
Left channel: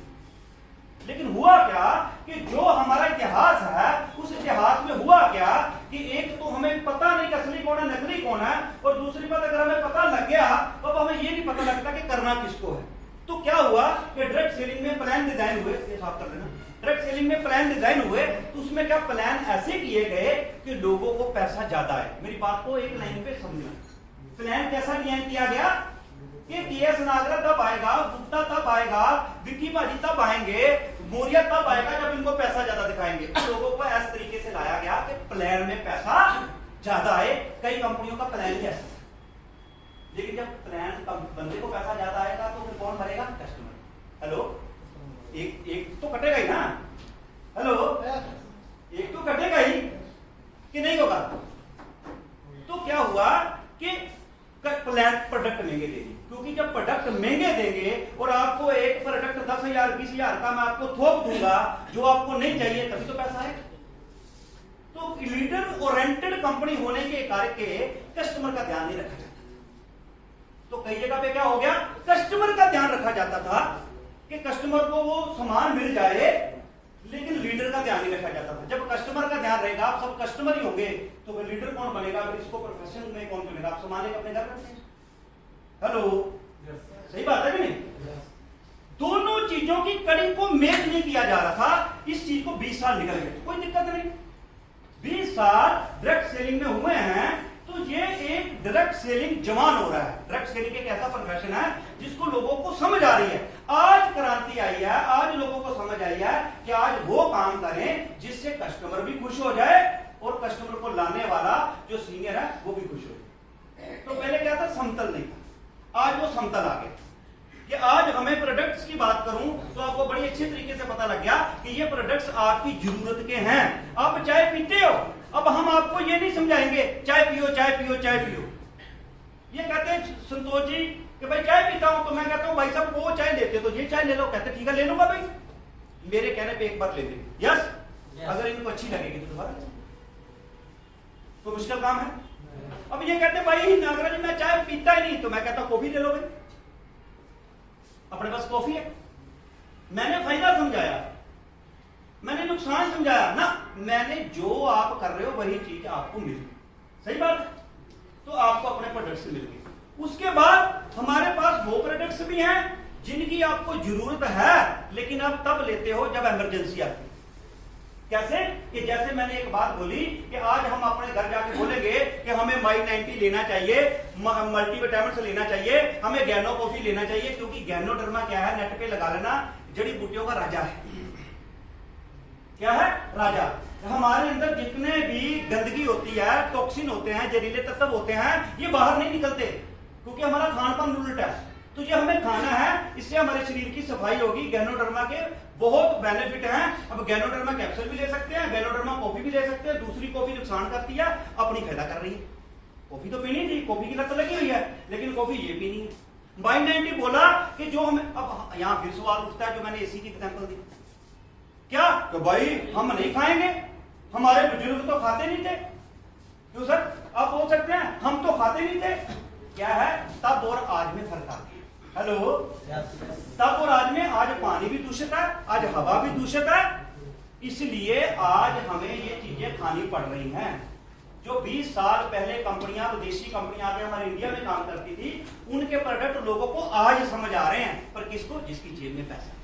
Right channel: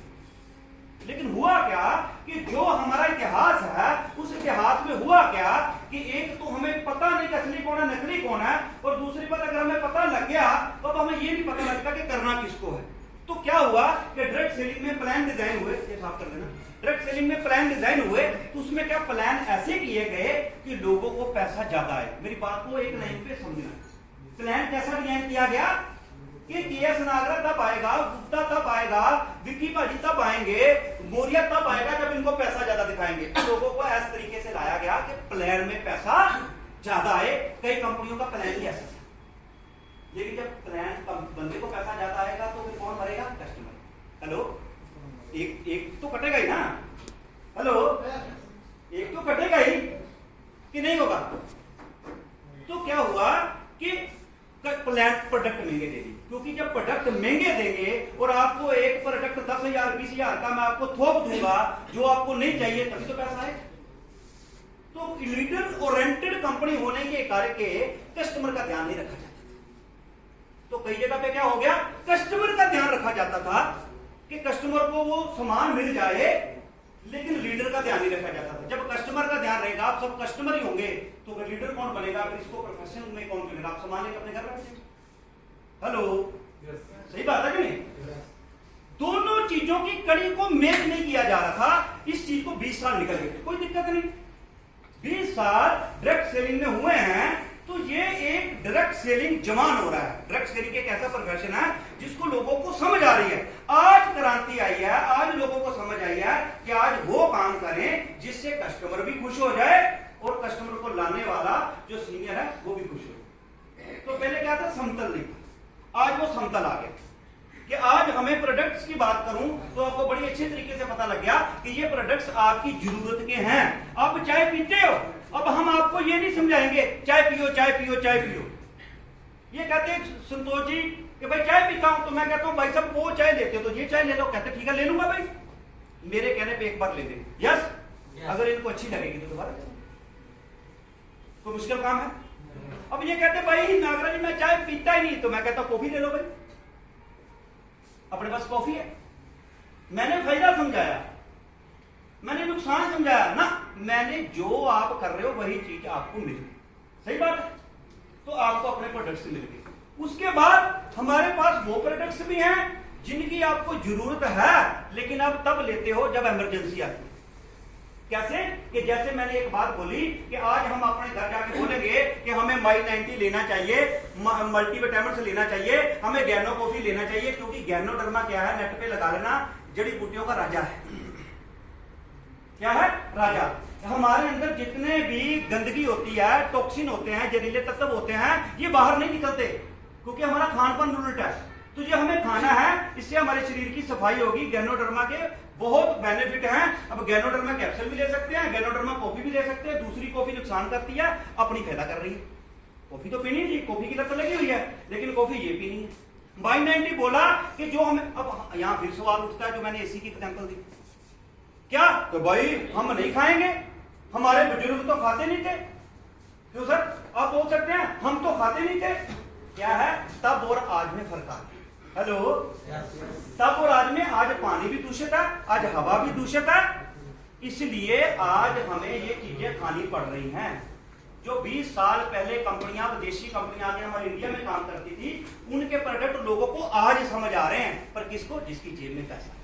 लेकिन हुआ क्या कि जो हमारा इतिहास है उस इतिहास में हुआ क्या कि एक तो हमें पता नहीं असली कौन है नकली कौन है, और दूसरी बात अगर हमें पता लग गया तो अब हमें ये नहीं पता लगता कि करना किसको है। तो क्या हुआ कि डायरेक्ट सेलिंग में प्लान डिजाइन हुए, ये साफ कर देना। डायरेक्ट सेलिंग में प्लान डिजाइन हुए तो उसमें क्या प्लान ऐसे किए गए कि लोगों को पैसा ज्यादा है। मेरी बात को एक लाइन पे समझना, प्लान कैसा डिजाइन किया गया कि केएस नागरा तब आएगा, गुप्ता तब आएगा, विक्की भाजी तब आएंगे, मौर्य तब आएगा जब इनको पैसा ज्यादा दिखाएंगे। लोगों को इस तरीके से लाया गया कि प्लान में पैसा ज्यादा आए। कई कंपनियों का प्लान ही ऐसा, लेकिन जब प्लान बंदे को पैसा ज्यादा आएगा तो फिर कौन भरेगा? कस्टमर। हेलो, एक तो कटेगा ही ना। हेलो, एक तो कटेगा ही कि नहीं होगा? तो क्या हुआ कि प्लान प्रोडक्ट महंगे देंगे, क्योंकि जब प्रोडक्ट महंगे देंगे और आपको एक प्रोडक्ट 10,000 20,000 का मैं आपको थोक दूंगा जो आपको नहीं चाहिए, तभी तो पैसा है। तो लीडर ओरिएंटेड कंपनी होने के करके कस्टमर का ध्यान नहीं रखा जाता। तो कई जगह पे क्या हो गया, कस्टमर का ध्यान रखा जाता था कि कस्टमर को वो सामान मिल जाए, लेकिन लीडर का ध्यान नहीं रखा जाता था। जब कस्टमर का ध्यान रहेगा, आप सब कस्टमर ही होंगे, तो फिर लीडर कौन बनेगा? फिर इसको प्रोफेशन में कौन चुनेगा? आप सामान लेकर अपने घर रखते हैं। हेलो, सही बात है कि नहीं? दोनों चीजों की कड़ी को मैच नहीं किया जा रहा था। इस चीज को 20 साल निकल गए, कोई दिक्कत नहीं। 20 साल डायरेक्ट सेलिंग में हुए हैं तो ये एक डायरेक्ट सेलिंग जवान हो रहा है। डायरेक्ट सेलिंग एक ऐसा प्रोफेशन है जिसको लोगों को समझ आ रही है। आज क्रांति आई है, आज लोगों को समझ आई है कि आज वो काम करें जिससे कस्टमर भी खुश हो जाए और कस्टमर को लाने वाला जो सीनियर है वो भी खुश हो जाए। तो पहले क्या था, समतल नहीं था, आज वो समतल आ गया। कि आज हमें प्रोडक्ट्स की बात करूं तो आपको बड़ी अच्छे तरीके से पता लग गया कि ये प्रोडक्ट्स आपकी जरूरत के हैं। आप चाय पीते हो, अब हम आपको ये नहीं समझाएंगे चाय पियो चाय पियो चाय पियो। ये कहते हैं संतोष जी कि भाई चाय पीता हूं, तो मैं कहता हूं भाई साहब वो चाय लेते हो तो ये चाय ले लो। कहते ठीक है ले लूंगा भाई, मेरे कहने पे एक बार ले लेंगे। यस, अगर इनको अच्छी लगेगी तो दोबारा कोई मुश्किल काम है? अब ये कहते भाई नागराज मैं चाय पीता ही नहीं, तो मैं कहता हूं कॉफी ले लो भाई, अपने पास कॉफी है। मैंने फायदा समझाया, मैंने नुकसान समझाया ना, मैंने जो आप कर रहे हो वही चीज आपको मिली, सही बात है, तो आपको अपने प्रोडक्ट्स मिल गए। उसके बाद हमारे पास वो प्रोडक्ट्स भी हैं जिनकी आपको जरूरत है, लेकिन आप तब लेते हो जब इमरजेंसी आती है। कैसे? कि जैसे मैंने एक बात बोली कि आज हम अपने घर जाके बोलेंगे कि हमें माई 90 लेना चाहिए, मल्टीविटामिन से लेना चाहिए, हमें गैनो कॉफी लेना चाहिए, क्योंकि गैनोडर्मा क्या है, नेट पे लगा लेना, जड़ी बूटियों का राजा है। क्या है? राजा। हमारे अंदर जितने भी गंदगी होती है, टॉक्सिन होते हैं, जहरीले तत्व होते हैं, ये बाहर नहीं निकलते, क्योंकि हमारा खान पान उल्टा है। तो जो हमें खाना है, इससे हमारे शरीर की सफाई होगी। गैनोडर्मा के बहुत बेनिफिट हैं। अब गैनोडर्मा कैप्सूल भी ले सकते हैं, गैनोडर्मा कॉफी भी ले सकते हैं। दूसरी कॉफी नुकसान करती है, अपनी फायदा कर रही है। कॉफी तो पीनी थी, कॉफी की लत लगी हुई है, लेकिन कॉफी ये पीनी है। बाई 90 बोला कि जो हमें, अब यहां फिर सवाल उठता है, जो मैंने एसी की एग्जांपल दी, क्या तो भाई हम नहीं खाएंगे, हमारे बुजुर्ग तो खाते नहीं थे। क्यों सर? आप बोल सकते हैं हम तो खाते नहीं थे। क्या है? तब और आज में फर्क आ गया। हेलो, तब और आज में, आज पानी भी दूषित है, आज हवा भी दूषित है, इसलिए आज हमें ये चीजें खानी पड़ रही हैं। जो 20 साल पहले कंपनियां, विदेशी कंपनियां आके हमारे इंडिया में काम करती थी, उनके प्रोडक्ट लोगों को आज समझ आ रहे हैं। पर किसको? जिसकी जेब में पैसा है।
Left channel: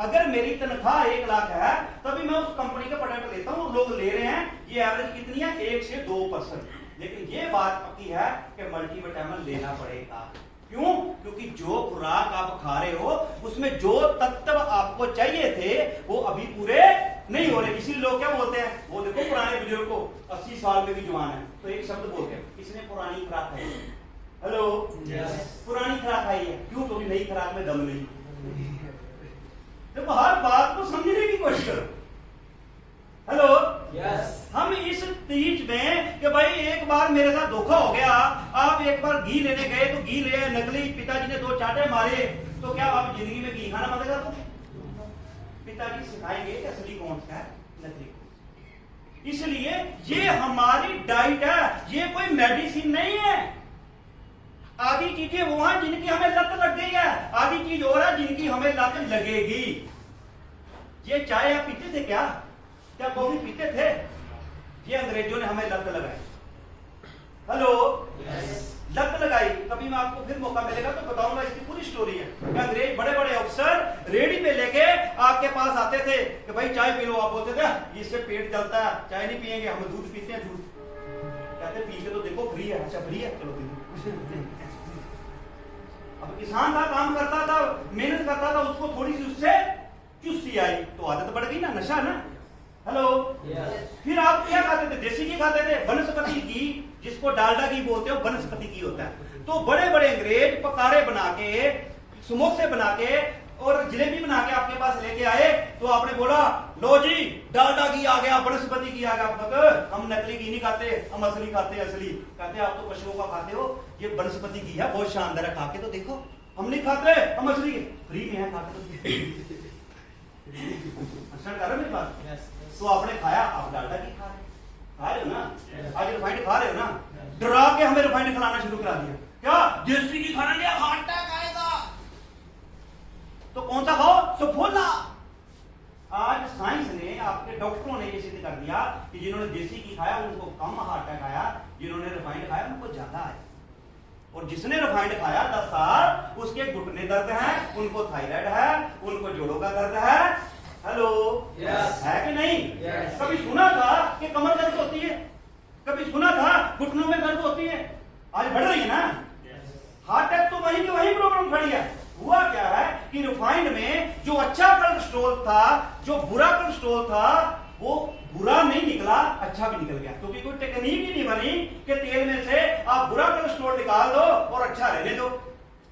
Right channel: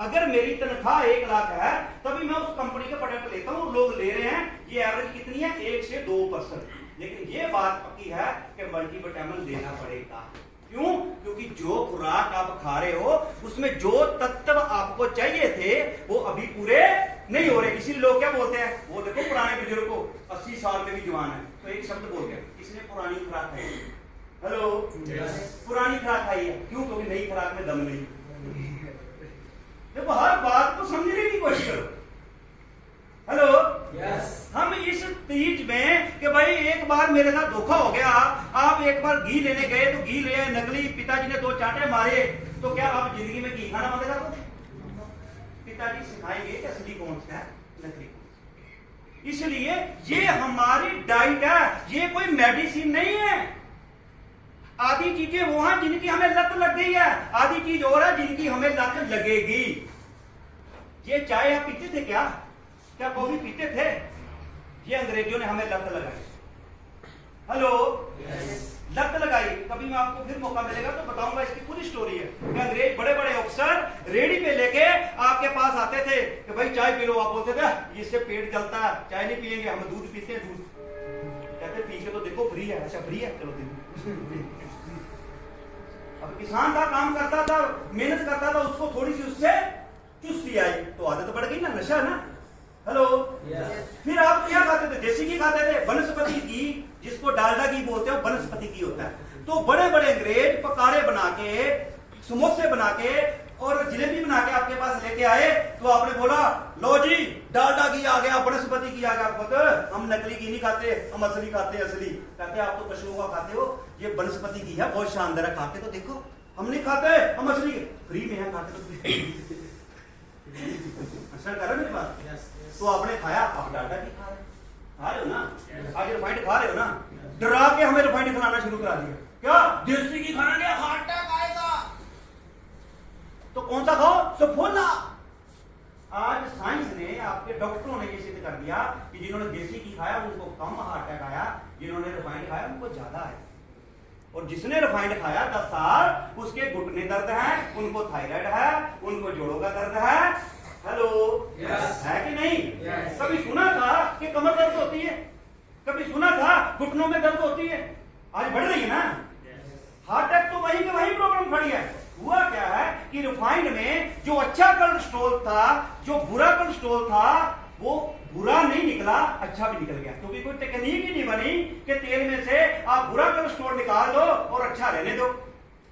अगर मेरी तनख्वाह 1 लाख है, तभी मैं उस कंपनी का प्रोडक्ट लेता हूं, लोग ले रहे हैं, ये एवरेज कितनी है? 1 से 2%। लेकिन ये बात पक्की है कि मल्टीविटामिन लेना पड़ेगा। क्यों? क्योंकि जो खुराक आप खा रहे हो, उसमें जो तत्व आपको चाहिए थे, वो अभी पूरे नहीं हो रहे। इसीलिए लोग क्या बोलते हैं, वो देखो पुराने बुजुर्ग को 80 साल में भी जवान है, तो एक शब्द बोलते हैं, इसने पुरानी खुराक खाई है। हेलो, पुरानी खुराक खाई है। क्यों? क्योंकि नई खुराक में दम नहीं। देखो, हर बात को समझने की कोशिश करो। हेलो, हम इस चीज में कि भाई एक बार मेरे साथ धोखा हो गया, आप एक बार घी लेने गए तो घी ले नकली, पिताजी ने 2 चांटे मारे, तो क्या आप जिंदगी में घी खाना बंद कर दो? पिताजी सिखाएंगे कि असली कौन सा है, नकली कौन। इसलिए ये हमारी डाइट है, ये कोई मेडिसिन नहीं है। आधी चीजें वो हैं जिनकी हमें लत लग गई है, आधी चीज और है जिनकी हमें लत लगेगी। ये चाय आप पीते थे क्या? क्या कॉफी पीते थे? ये अंग्रेजों ने हमें लत लगाई। हेलो, लत लगाई। कभी मैं आपको फिर मौका मिलेगा तो बताऊंगा, इसकी पूरी स्टोरी है। अंग्रेज बड़े बड़े अफसर रेडी पे लेके आपके पास आते थे कि भाई चाय पी लो। आप बोलते थे इससे पेट जलता है, चाय नहीं पियेंगे, हम दूध पीते हैं। दूध कहते पी के तो देखो, फ्री है। अच्छा फ्री है, चलो पी। अब किसान था, काम करता था, मेहनत करता था, उसको थोड़ी सी उससे चुस्ती आई तो आदत बढ़ गई ना, नशा ना। हेलो, फिर आप क्या खाते थे? देसी घी खाते थे, वनस्पति घी, जिसको डालडा घी बोलते हो, वनस्पति घी होता है। तो बड़े बड़े अंग्रेज पकाड़े बना के, समोसे बना के और जलेबी बना के आपके पास लेके आए, तो आपने बोला लो जी डालडा घी आ गया, वनस्पति घी आ गया। मतलब हम नकली घी नहीं खाते, हम असली खाते हैं। असली कहते आप तो पशुओं का खाते हो, ये वनस्पति घी है, बहुत शानदार है, खा के तो देखो। हम नहीं खाते, हम असली फ्री में है, खाते तो असर कर रहे मेरे पास। तो आपने खाया, आप डालडा घी खा रहे हो ना, आज रिफाइंड खा रहे हो ना। डरा के हमें रिफाइंड खिलाना शुरू करा दिया। क्या? देसी घी खाना लिया, हार्ट अटैक आएगा। तो कौन सा खाओ? सफोला। आज साइंस ने, आपके डॉक्टरों ने ये सिद्ध कर दिया कि जिन्होंने देसी घी खाया उनको कम हार्ट अटैक आया, जिन्होंने रिफाइंड खाया उनको ज्यादा आया। और जिसने रिफाइंड खाया 10 साल, उसके घुटने दर्द है, उनको थायराइड है, उनको जोड़ों का दर्द है। हेलो, है कि नहीं? कभी सुना था कि कमर दर्द होती है? कभी सुना था घुटनों में दर्द होती है? आज बढ़ रही है ना। हार्ट अटैक तो वहीं के वहीं प्रॉब्लम बढ़ गया। हुआ क्या है कि रिफाइंड में जो अच्छा कोलेस्ट्रॉल था, जो बुरा कोलेस्ट्रॉल था, वो बुरा नहीं निकला, अच्छा भी निकल गया। क्योंकि कोई टेक्निक ही नहीं बनी कि तेल में से आप बुरा कोलेस्ट्रॉल निकाल दो और अच्छा रहने दो।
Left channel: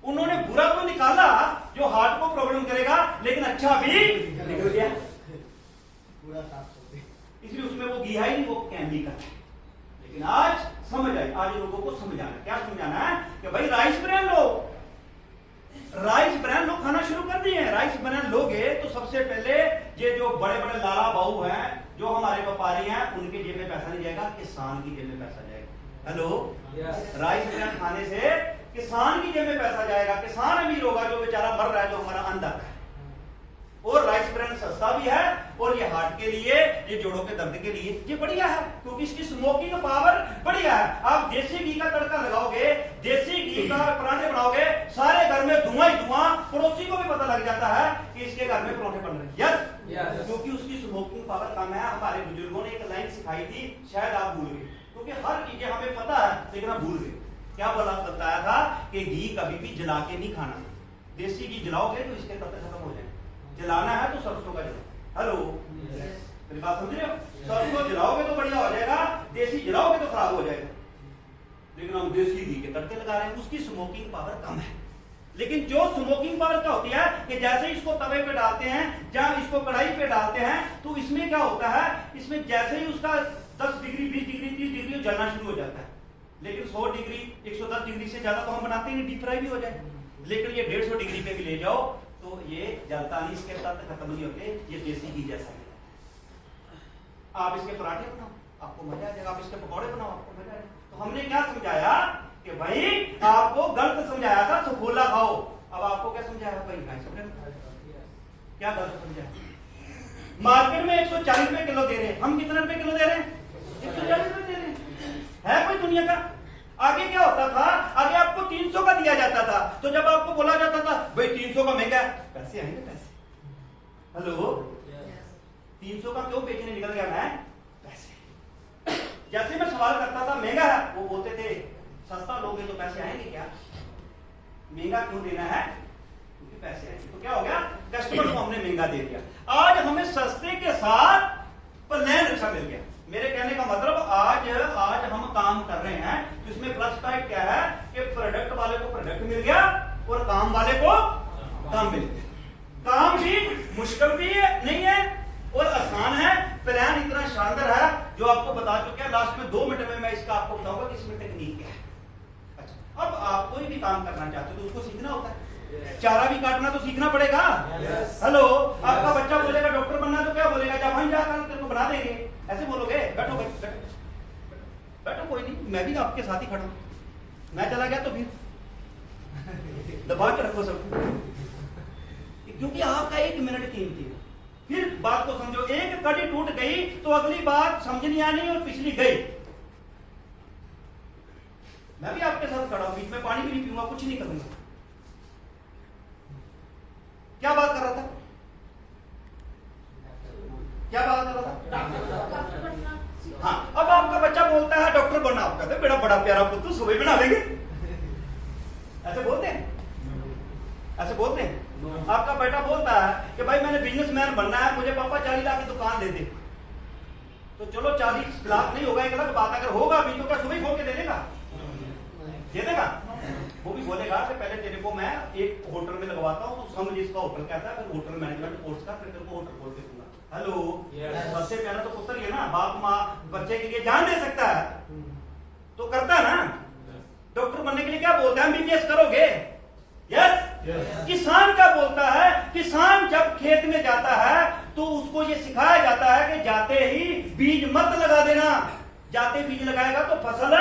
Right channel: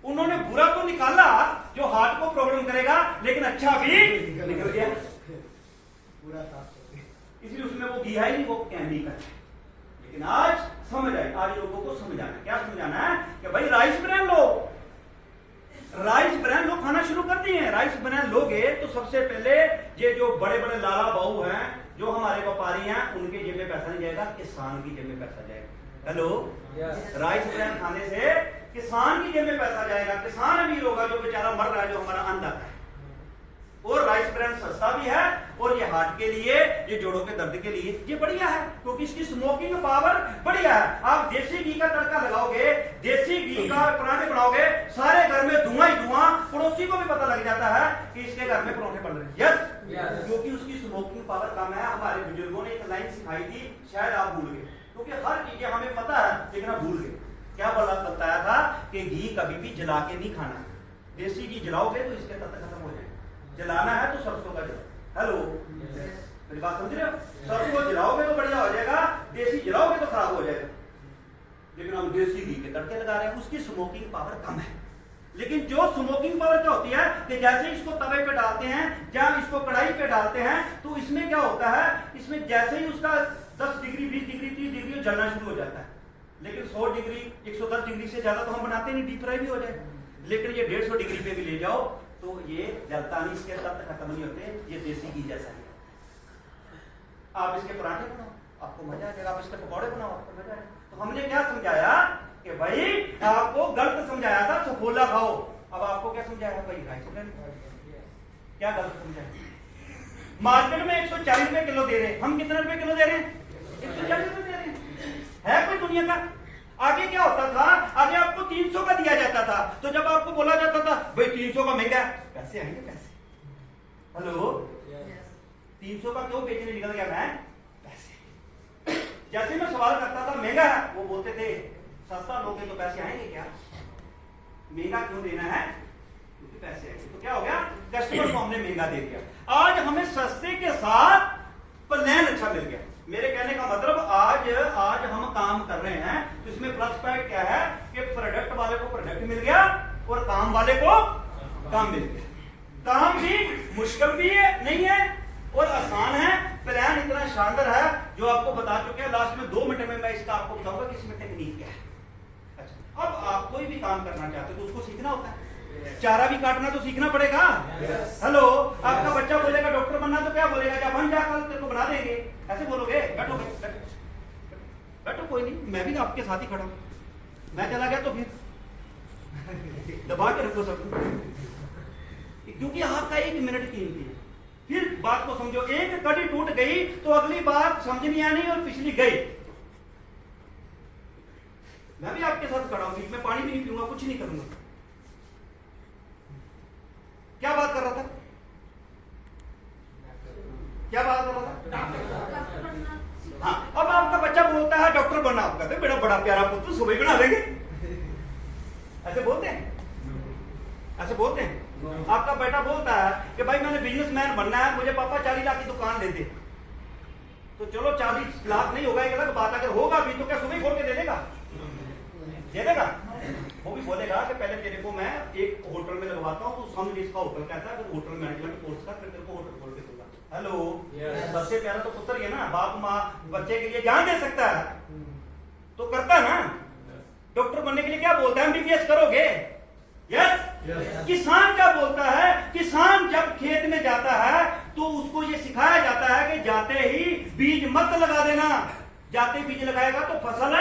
उन्होंने बुरा तो निकाला जो हार्ट को प्रॉब्लम करेगा, लेकिन अच्छा भी निकल गया। इसलिए उसमें वो घी है नहीं, वो केमिकल। लेकिन आज समझ आए, आज लोगों को समझाना, क्या समझाना है कि भाई राइस ब्रांड लो, राइस ब्रांड लोग खाना शुरू कर दिए हैं। राइस ब्रांड लोगे तो सबसे पहले ये जो बड़े बड़े लाला बाबू हैं, जो हमारे व्यापारी हैं उनके जेब में पैसा नहीं जाएगा, किसान की जेब में पैसा जाएगा। हेलो, राइस ब्रांड खाने से किसान की जेब में पैसा जाएगा, किसान अमीर होगा जो बेचारा मर रहा है, जो हमारा अन्नदाता है। और राइस ब्रांड सस्ता भी है, और ये हार्ट के लिए, ये जोड़ों के दर्द के लिए ये बढ़िया है, क्योंकि इसकी स्मोकिंग पावर बढ़िया है। आप देसी घी का तड़का लगाओगे, देसी घी का पराठे बनाओगे, सारे घर में धुआं ही धुआं, पड़ोसी को भी पता लग जाता है कि इसके घर में पराठे बन रहे हैं। यस, क्योंकि उसकी स्मोकिंग पावर कम है। हमारे बुजुर्गों ने एक लाइन सिखाई थी, शायद आप भूल गए, क्योंकि हर चीजें हमें पता है लेकिन हम भूल गए। क्या बताया था कि घी कभी भी जला के नहीं खाना। देसी घी जलाओगे तो इसके तत्व खत्म हो जाएंगे। जलाना है तो सरसों का जलाओ। हेलो, मेरी बात समझ रहे हो? सरसों को जलाओगे तो बढ़िया हो जाएगा, देसी जलाओगे तो खराब हो जाएगा। लेकिन हम देसी घी के तड़के लगा रहे हैं, उसकी स्मोकिंग पावर कम है। लेकिन जो स्मोकिंग पावर क्या होती है कि जैसे इसको तवे पे डालते हैं, जहां इसको कढ़ाई पे डालते हैं, तो इसमें क्या होता है, इसमें जैसे ही उसका 10 डिग्री 20 डिग्री 30 डिग्री जलना शुरू हो जाता है। लेकिन 100 डिग्री 110 डिग्री से ज्यादा तो हम बनाते नहीं, डीप फ्राई भी हो जाए। लेकिन ये 150 डिग्री पे भी ले जाओ तो ये जलता नहीं, इसके साथ खत्म नहीं होते, ये देसी घी जैसा है। आप इसके पराठे बनाओ, आपको मजा आ जाएगा। आप इसके पकौड़े बनाओ, आपको मजा आएगा। तो हमने क्या समझाया कि भाई आपको गलत समझाया था, सफोला खाओ। अब आपको क्या समझाया भाई? क्या गलत समझाया? मार्केट में 140 रुपए किलो दे रहे हैं, हम कितने रुपए किलो दे रहे हैं? 140 रुपए दे रहे हैं। है कोई दुनिया का? आगे क्या होता था, आगे आपको 300 का दिया जाता था, तो जब आपको बोला जाता था भाई 300 का महंगा है, पैसे आएंगे पैसे। हेलो, 300 का क्यों बेचने निकल गया मैं? पैसे। जैसे मैं सवाल करता था महंगा है, वो बोलते थे सस्ता लोगे तो पैसे आएंगे क्या? महंगा क्यों देना है? क्योंकि पैसे आएंगे। तो क्या हो गया, कस्टमर को हमने महंगा दे दिया। आज हमें सस्ते के साथ प्लान अच्छा मिल गया। मेरे कहने का मतलब आज हम काम कर रहे हैं तो इसमें प्लस पॉइंट क्या है कि प्रोडक्ट वाले को प्रोडक्ट मिल गया और काम वाले को काम मिल गया। काम भी मुश्किल भी है नहीं है और आसान है। प्लान इतना शानदार है जो आपको बता चुके हैं। लास्ट में 2 मिनट में मैं इसका आपको बताऊंगा कि इसमें टेक्निक क्या है। अच्छा, अब आप कोई भी काम करना चाहते हो तो उसको सीखना होता है। चारा भी काटना तो सीखना पड़ेगा। हेलो, आपका बच्चा बोलेगा डॉक्टर बनना तो क्या बोलेगा? जब हम जाकर तेरे को बना देंगे, ऐसे बोलोगे? बैठो बैठो, कोई नहीं, मैं भी आपके साथ ही खड़ा हूं। मैं चला गया तो फिर दबा के रखो सबको, क्योंकि आपका 1 मिनट कीमती है। फिर बात को समझो, एक कड़ी टूट गई तो अगली बात समझ नहीं आनी और पिछली गई। मैं भी आपके साथ खड़ा हूं, बीच में पानी भी नहीं पीऊंगा, कुछ नहीं करूंगा। क्या बात कर रहा था? क्या बात कर रहा था? हाँ, अब आपका बच्चा बोलता है डॉक्टर बनना। आप कहते बेटा बड़ा प्यारा पुत्र, सुबह बना देंगे। ऐसे बोलते हैं? ऐसे बोलते हैं? आपका बेटा बोलता है कि भाई मैंने बिजनेसमैन बनना है, मुझे पापा 40 लाख की दुकान दे दे। तो चलो 40 लाख नहीं होगा, एक अलग बात। अगर होगा भी तो क्या सुबह खोल के दे देगा? दे देगा? वो भी बोलेगा कि पहले तेरे को मैं एक होटल में लगवाता हूँ, तो समझ इसका होटल कहता है, फिर होटल मैनेजमेंट कोर्स का, फिर तेरे को होटल खोल के दूंगा। हेलो, सबसे प्यारा तो पुत्र ही है ना। बाप माँ बच्चे के लिए जान दे सकता है तो करता है ना। डॉक्टर बनने के लिए क्या बोलता है? एमबीबीएस करोगे? यस। किसान क्या बोलता है? किसान जब खेत में जाता है तो उसको ये सिखाया जाता है कि जाते ही बीज मत लगा देना। जाते बीज लगाएगा तो फसल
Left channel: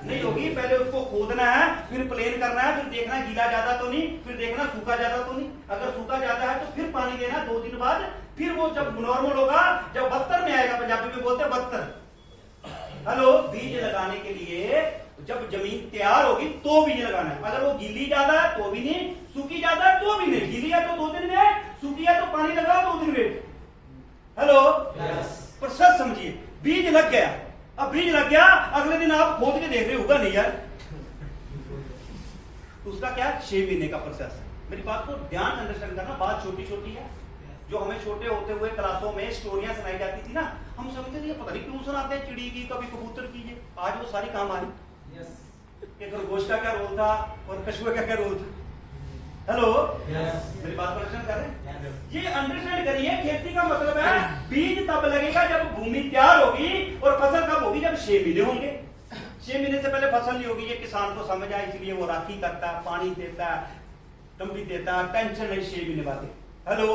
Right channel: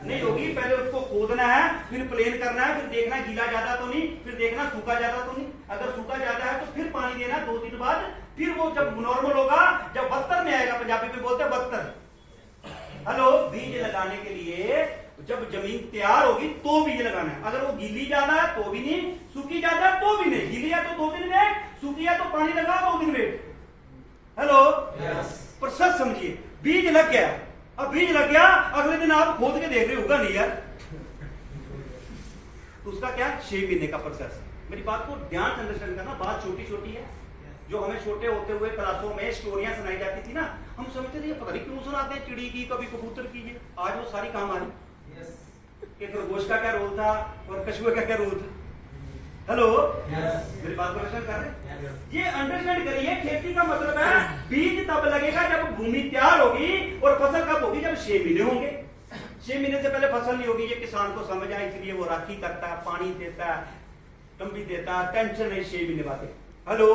नहीं होगी। पहले उसको खोदना है, फिर प्लेन करना है, फिर देखना गीला ज्यादा तो नहीं, फिर देखना सूखा ज्यादा तो नहीं। अगर सूखा ज्यादा है तो फिर पानी देना 2 दिन बाद। फिर वो जब नॉर्मल होगा, जब 72 में आएगा, पंजाबी में बोलते हैं 72। हेलो, बीज लगाने के लिए जब जमीन तैयार होगी तो बीज लगाना है। अगर वो गीली ज्यादा है तो भी नहीं, सूखी ज्यादा है तो भी नहीं। गीली है तो 2 दिन में, सूखी है तो पानी लगाओ 2 दिन में। हेलो, प्रोसेस समझिए। बीज लग गया, अब बीज लग गया, अगले दिन आप खोद के देख रहे होगा नहीं यार, उसका क्या 6 महीने का प्रोसेस है। मेरी बात को ध्यान से अंडरस्टैंड करना। बात छोटी छोटी है। जो हमें छोटे होते हुए क्लासों में स्टोरियां सुनाई जाती थी ना, हम समझते थे पता नहीं क्यों सुनाते हैं, चिड़ी की, कभी कबूतर की। आज वो सारी काम आ रही। खरगोश का क्या रोल था और कछुए का क्या रोल था। हेलो, मेरी बात को अंडरस्टैंड कर रहे हैं? ये अंडरस्टैंड करिए। खेती का मतलब है बीज तब लगेगा जब भूमि तैयार होगी, और फसल कब होगी? जब 6 महीने होंगे। 6 महीने से पहले फसल नहीं होगी। ये किसान को समझ आया, इसलिए वो राखी करता है, पानी देता है, कम्बी देता है, टेंशन नहीं 6 महीने बाद। हेलो,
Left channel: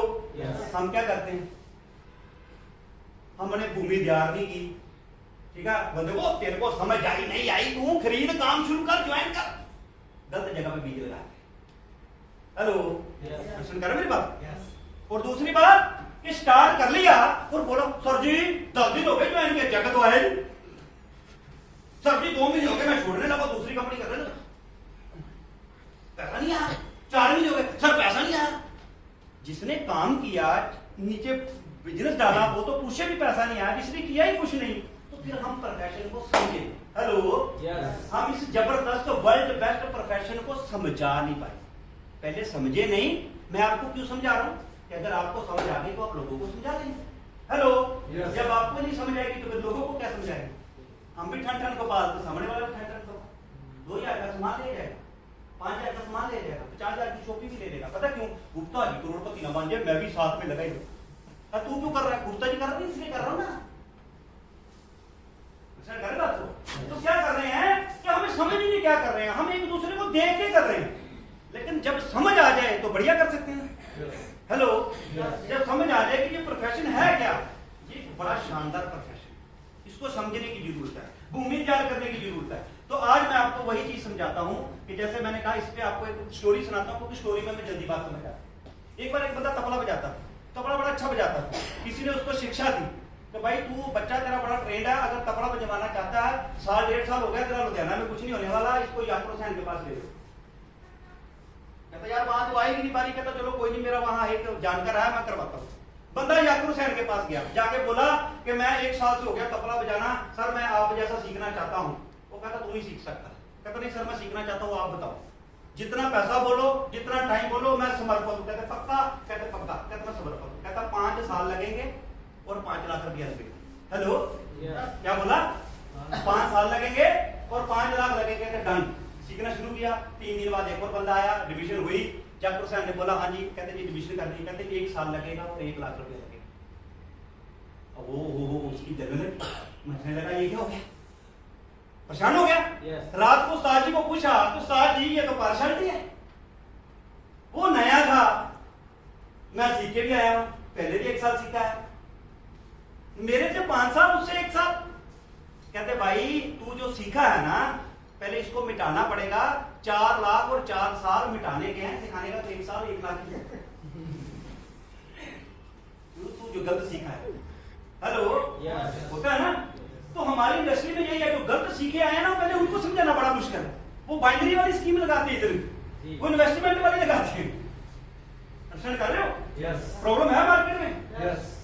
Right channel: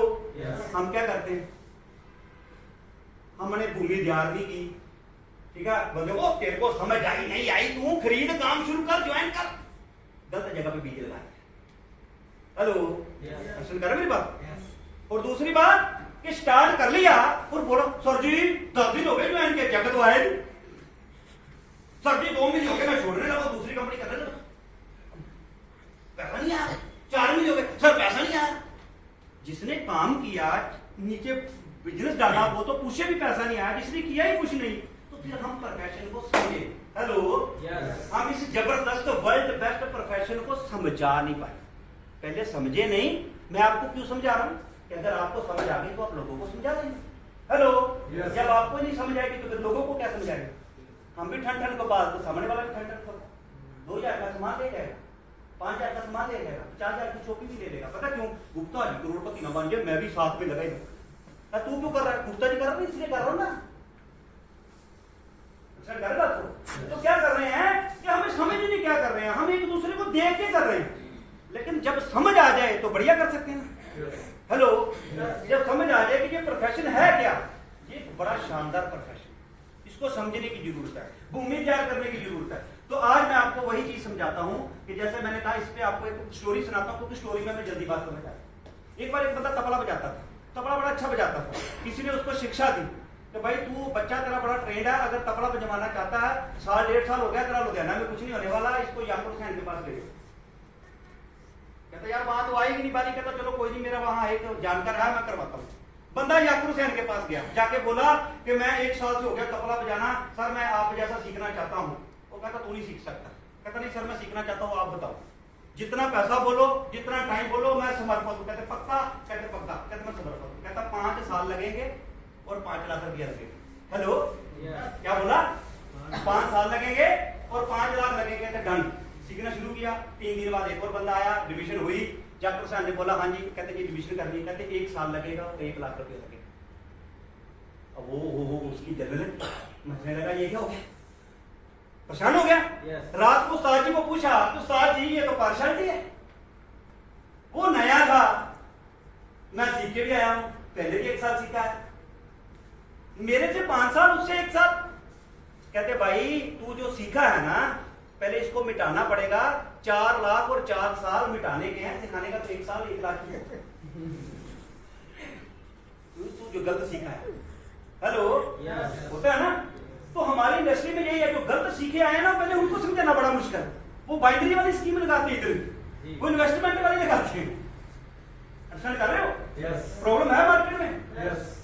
हम क्या करते हैं? हमने भूमि तैयार नहीं की, ठीक है, बंदे को तेरे को समझ आई नहीं आई, तू खरीद काम शुरू कर, ज्वाइन कर, गलत जगह पे बीज लगा। हेलो, सुन कर मेरी बात। और दूसरी बात कि स्टार्ट कर लिया और बोलो सर जी 10 दिन हो गए ज्वाइन किया, चेक तो आए, सर जी 2 महीने हो गए मैं छोड़ने लगा, दूसरी कंपनी कर रहे, पैसा नहीं आया, 4 महीने हो गए सर पैसा नहीं आया। जिसने काम किया नीचे बिजनेस डाला वो तो पूछे भी पैसा नहीं आया, जिसने किया ही कुछ नहीं, तो फिर हम प्रोफेशन को समझे। हेलो, हम इस जबरदस्त वर्ल्ड बेस्ट प्रोफेशन को समझा नहीं पाए, पहले समझे नहीं। मैं आपको क्यों समझा रहा हूं कि अगर आपको समझ आ गई तो आप लोगों को समझा देंगे। हेलो, जब आपको नहीं समझ आएगी तो फिर लोगों को क्या समझाएंगे? हम भी ठन ठन को पालते, सामने वाला भी ठन ठन को 2,000 का सामान ले जाएगा, 5,000 का सामान ले जाएगा, 50,000 की शॉपिंग भी ले लेगा। पता क्यों? गुप्ता जी करोड़पति न बन जाए, मैं भी साथ में लगा ही रहूं। तू क्यों कर रहा है? गुप्ता जी कर रहा है इसलिए कर रहा हूं ना। तो क्या कर रहे हैं कि हमें समझ ही नहीं क्या कर रहे हैं, हम एक दूसरे को देख के कर रहे हैं। लेकिन जब समझ आ जाए तो बढ़िया कर सकते हैं। हेलो, जब समझ आ जाए कि ये प्रोफेशन है क्या, ये बड़ा शानदार प्रोफेशन, इसको समझने की जरूरत है, भूमि तैयार करने की जरूरत है। तो आज मैं आपको वही चीज समझाता हूं कि जैसे मैंने कहा, इस पे आपको एक स्टोरी सुनाता हूं, क्योंकि स्टोरी में मैं जल्दी बात समझ आया। एक बार एक बंदा तबला बजाता था, तबला बड़ा अच्छा बजाता था, किसी ने उसको शिक्षा दी तो भाई तू बच्चा तेरा बड़ा ट्रेंड है, अगर तबला बजवाना चाहता है, 1.5 साल हो गया तेरा, लुधियाना में कुछ नहीं होने वाला, इसको याकुब हुसैन के पास ले लो। कहता यार बात तो आएगी नहीं बारी, कहता चलो कोई नहीं, मेरा वहां एक जानकार है, मैं करवाता हूँ। बंदा याकुब हुसैन के पास गया, जाके बोला कि मैं 1 साल से हो गया तबला बजाना, सर मैं आप जैसा सीखना चाहता हूँ। वो कहता तू नहीं सीख सकता। कहता नहीं सर मैं सीखना चाहता हूँ, आप बताओ, जितना पैसा बोलो, जितना टाइम बोलो, मैं समर्पित हूँ। कहते पक्का? कहते पक्का। कहते मैं समर्पित हूँ। कहता 5 साल लगेंगे और 5 लाख रुपया लगेगा। हेलो, क्या बोला? 5 साल लगेंगे और 5 लाख लगेंगे। तो डन, सीखना शुरू किया। 3 दिन बाद एक और बंदा आया, डिवीजन हुई, याकुब हुसैन ने बोला हाँ जी, कहते कि डिवीजन करनी है, कहते 1 साल लगेगा और 1 लाख रुपया लगेगा। अब वो उसकी जगह मचने लगा, ये क्या हो गया, परेशान हो गया। रात को उस्ताद जी को पूछा, तो उस्ताद जी ये तो पार्शलिटी है, वो नया था, मैं सीख के भी आया हूं, पहले भी 1 साल सीखा है, मेरे से 5 साल, उससे 1 साल। कहते भाई तू जो सीखा है ना, पहले इसको मिटाना पड़ेगा। 4 लाख और 4 साल मिटाने के हैं, सिखाने का तो 1 साल 1 लाख ही है। तू जो गलत सीखा है। हेलो, होता है ना? तो हमारी इंडस्ट्री में यही है, जो गलत सीखे आए हैं ना, पहले उनको समझाना बड़ा मुश्किल है। वो बाइनरी वाली स्कीम लगाते हैं इधर, वो इन्वेस्टमेंट वाली लगाते हैं। अंडरस्टैंड कर रहे हो? प्रॉब्लम है मार्केट में।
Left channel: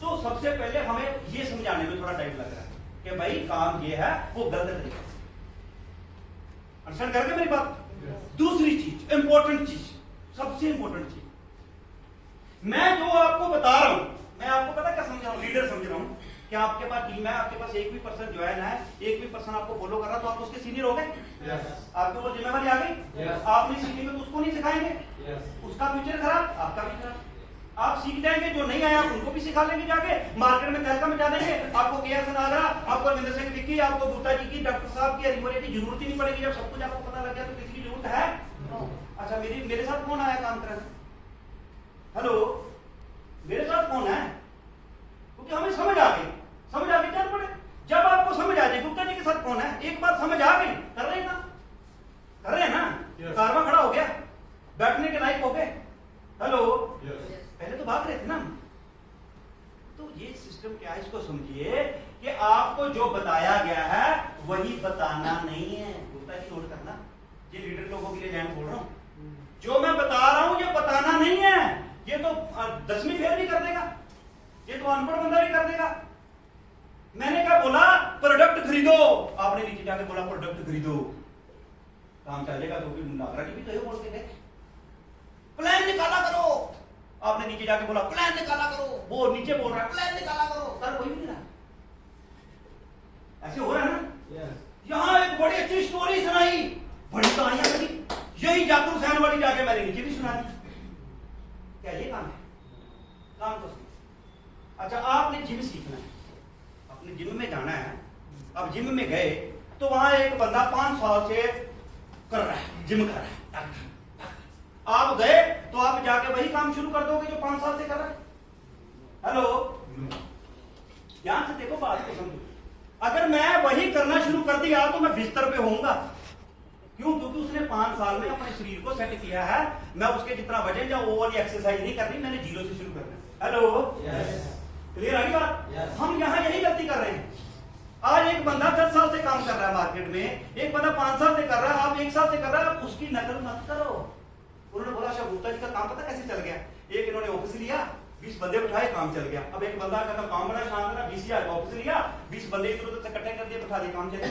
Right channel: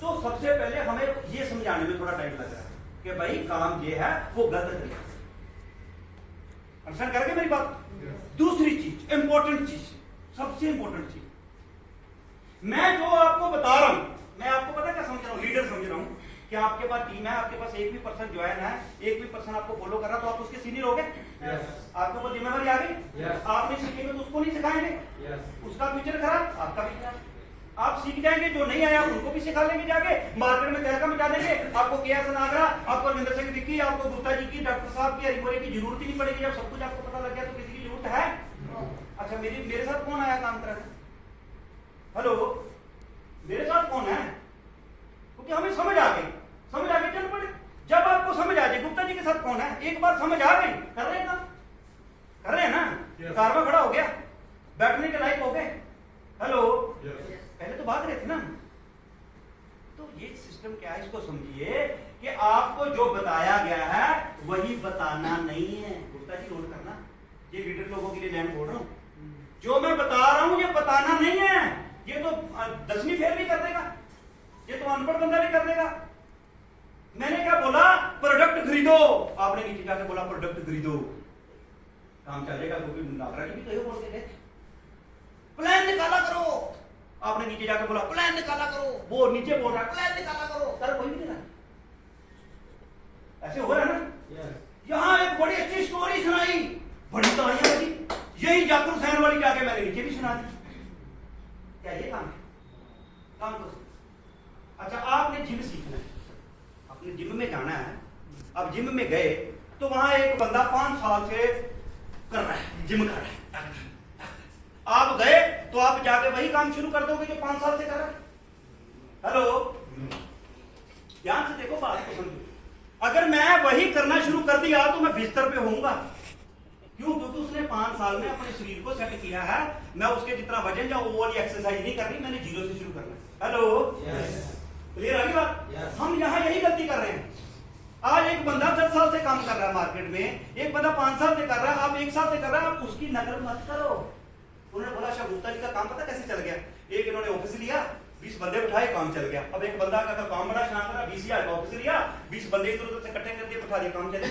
तो सबसे पहले हमें ये समझाने में थोड़ा टाइम लग रहा है कि भाई काम ये है, वो गलत तरीका। अंडरस्टैंड करके मेरी बात? दूसरी चीज, इंपॉर्टेंट चीज, सबसे इंपॉर्टेंट चीज, मैं जो आपको बता रहा हूं, मैं आपको पता क्या समझ रहा हूं, लीडर समझ रहा हूं कि आपके पास टीम है, आपके पास एक भी पर्सन ज्वाइन है, एक भी पर्सन आपको फॉलो कर रहा, तो आप उसके सीनियर हो गए। आपके ऊपर जिम्मेदारी आ गई। आप नहीं सीखेंगे तो उसको नहीं सिखाएंगे, उसका फ्यूचर खराब, आपका भी खराब। आप सीख जाएंगे, जो नहीं आया उनको भी सिखा लेंगे, जाके मार्केट में तहलका मचा देंगे। आपको केएस नागरा, आपको रविंद्र सिंह विक्की, आपको गुप्ता जी की, डॉक्टर साहब की, हरिमोरे की जरूरत ही नहीं पड़ेगी। जब सब कुछ आपको पता लग गया तो किसी की जरूरत है? अच्छा, मेरे साथ कौन आया काम कर? हेलो, मेरे साथ कौन है? क्योंकि हमें समझ आ गई, समझ आ गई, चल पड़े। जब आपको समझ आ जाए गुप्ता जी के साथ कौन है, एक बार समझ आ गई, कर रहे हैं ना, कर रहे हैं ना, कारवा खड़ा हो गया, बैठने के लायक हो गए। हेलो, पहले तो भाग रहे थे ना। तो ये सिस्टम क्या है, इसको समझिए कि आपको जो बताया गया है वही बताना नहीं है। गुप्ता जी नोट करना, ये लीडर लोगों के लिए मैं बोल रहा हूं, जो मैं बता रहा हूं ये बताना नहीं है। ये तो 10वीं फेल भी कर देगा, ये तो अनपढ़ बंदा भी कर देगा। मैंने क्या बोला? प्रोडक्ट खरीदो। आपने नीचे जाके बोला प्रोडक्ट खरीदो, काम चलेगा, क्योंकि नागरा जी भी तो बोल के गए प्लान निकाला करो। आपने नीचे जाके बोला प्लान निकाला करो, वो नीचे बोल रहा है प्लान निकाला करो, सर कोई नहीं ना, ऐसे हो रहा है ना। यहां एक बड़ी अच्छी स्टोरी सुनाई, बड़ी कहानी लगी, यही याकुब हुसैन वाली जाके मैंने नीचे भी सुना दी। क्या ये काम है? काम तो अच्छा, आपने जिम सीखना है, अपने जिम में जाना है। अब जिम में गए तो वहां एक बंदा 5 साल से कर रहा है, जिम कर रहा है। आप गए तो आप जाके वही काम शुरू कर दोगे जो 5 साल से कर रहे हैं। हेलो, ध्यान से देखो। अगर मैं वही करना शुरू कर दिया तो मैं बिस्तर पे होऊंगा। क्यों? क्योंकि उसने 5 साल में अपने शरीर को सेट किया है। मैं उसके जितना वजन या वो वाली एक्सरसाइज नहीं करनी, मैंने जीरो से शुरू करना है। हेलो, क्लियर आ गई बात? हम यहाँ यही गलती कर रहे हैं। आज एक बंदा 10 साल से काम कर रहा है मार्केट में, एक बंदा 5 साल से कर रहा है, आप 1 साल से कर रहा है, आप उसकी नकल मत करो। उन्होंने बोला शाह गुप्ता जी का काम पता कैसे चल गया? एक इन्होंने ऑफिस लिया, 20 बंदे उठाए, काम चल गया। अब एक बंदा का काम बड़ा शान था, 20,000 ऑफिस लिया, 20 बंदे इधर उधर से इकट्ठे कर दिए, बिठा दिए, काम चले।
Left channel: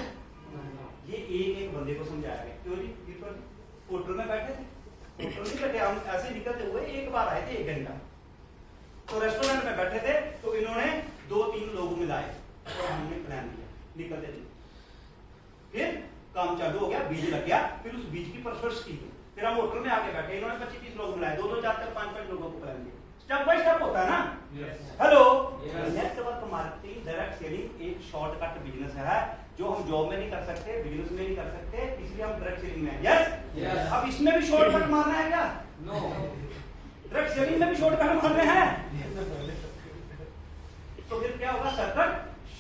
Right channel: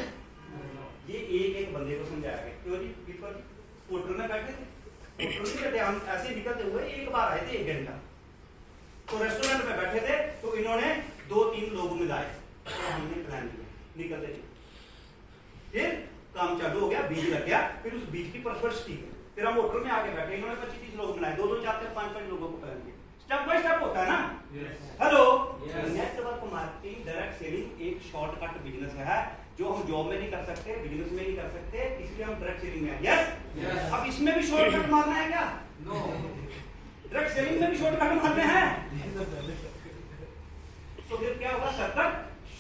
ये एक बंदे को समझाया गया। क्यों जी? होटल में बैठे थे, होटल नहीं बैठे, हम ऐसे निकलते हुए एक बार आए थे 1 घंटा, तो रेस्टोरेंट में बैठे थे, तो इन्होंने 2-3 लोग मिलाए और हमने प्लान किया, निकलते थे। फिर काम चालू हो गया, बीज लग गया, फिर उस बीज की परवरिश की। फिर हम होटल में आके बैठे, इन्होंने 25-30 लोग मिलाए, 2-2, 4-4, 5-5 लोगों को प्लान किया। स्टेप बाय स्टेप होता है ना। Hello, network marketing, direct selling एक शॉर्टकट बिजनेस है जो हम जॉब में नहीं कर सकते, बिजनेस में नहीं कर सकते, इसलिए हम डायरेक्ट सेलिंग में। यस, अब इसमें भी शॉर्टकट मारना है क्या? नो। डायरेक्ट सेलिंग में भी शॉर्टकट मारने हैं, तो फिर क्या होगा? Shortcut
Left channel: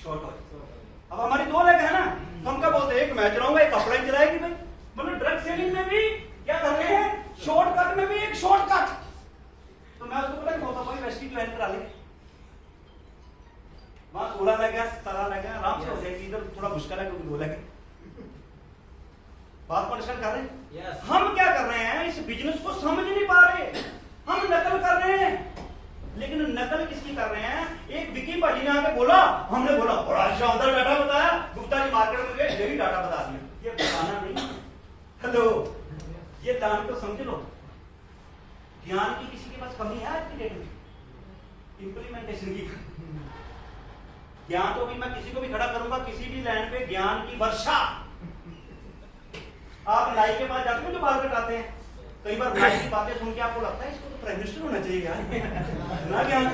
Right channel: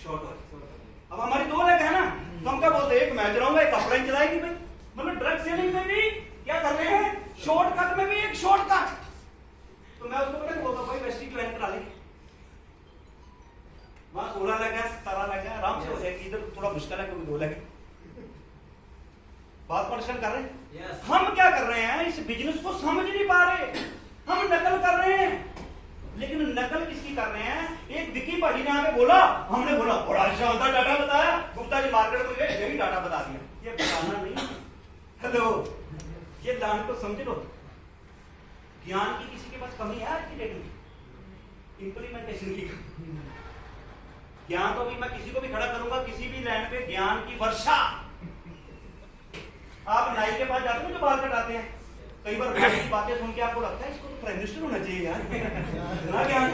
shortcut. अब हमारी 2 लेग है ना, तो हम क्या बोलते हैं? एक मैं चलाऊंगा, एक अपलाइन चलाएगी भाई। मतलब डायरेक्ट सेलिंग में भी क्या कर रहे हैं? शॉर्टकट में भी एक शॉर्टकट। तो मैं उसको बोलता भाई वेस्टी ज्वाइन करा ले, वहां 16 लग गया, 17 लग गया, आराम से हो जाएगी। इधर थोड़ा मुश्किल है क्योंकि 2 लगे। बात परेशान कर रहे हैं। हम क्या कर रहे हैं? इस बिजनेस को समझ नहीं पा रहे, हम नकल कर रहे हैं। लेकिन नकल किसकी कर रहे हैं? एक विकी भाजी ने हमें बोला, हमने बोला बड़ा शानदार डाटा बताया, गुप्ता जी मार्केट में गए, यही डाटा बता दिया। ये बताना नहीं। हेलो, ये दान को समझ लो। ज्ञान की किसी के पास कमी है आज की डेट में? इंप्लीमेंटेशन की। ज्ञान तो भी मैं किसी को भी खड़ा करूंगा किसी भी लैंड पे, ज्ञान की वर्षा। आप नाई के पास जाते हो जो बाल कटाते हैं, कई बार की बातें सुन के आपको लगता है इसको तो प्राइम मिनिस्टर होना चाहिए यार। ना ज्ञान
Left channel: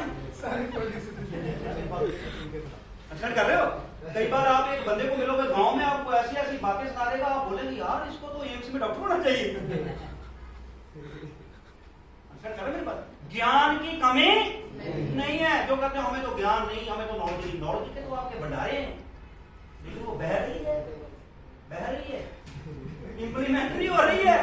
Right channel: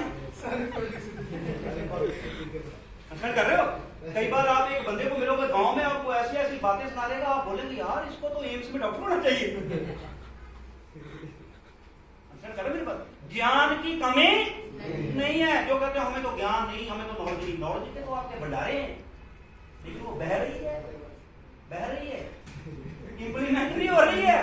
कर रहे हो। कई बार आप एक बंदे को मिलोगे गांव में, आपको ऐसी ऐसी बातें सुना देगा, आप बोलेंगे यार इसको तो एम्स में डॉक्टर होना चाहिए। मेरी बात, ज्ञान की कमी नहीं है। जो कहते हैं हमें तो ज्ञान नहीं, हमें तो नॉलेज नहीं, नॉलेज के तो आपके भंडारे हैं, लेकिन वो बह रही है, इंप्लीमेंट नहीं हो रही है।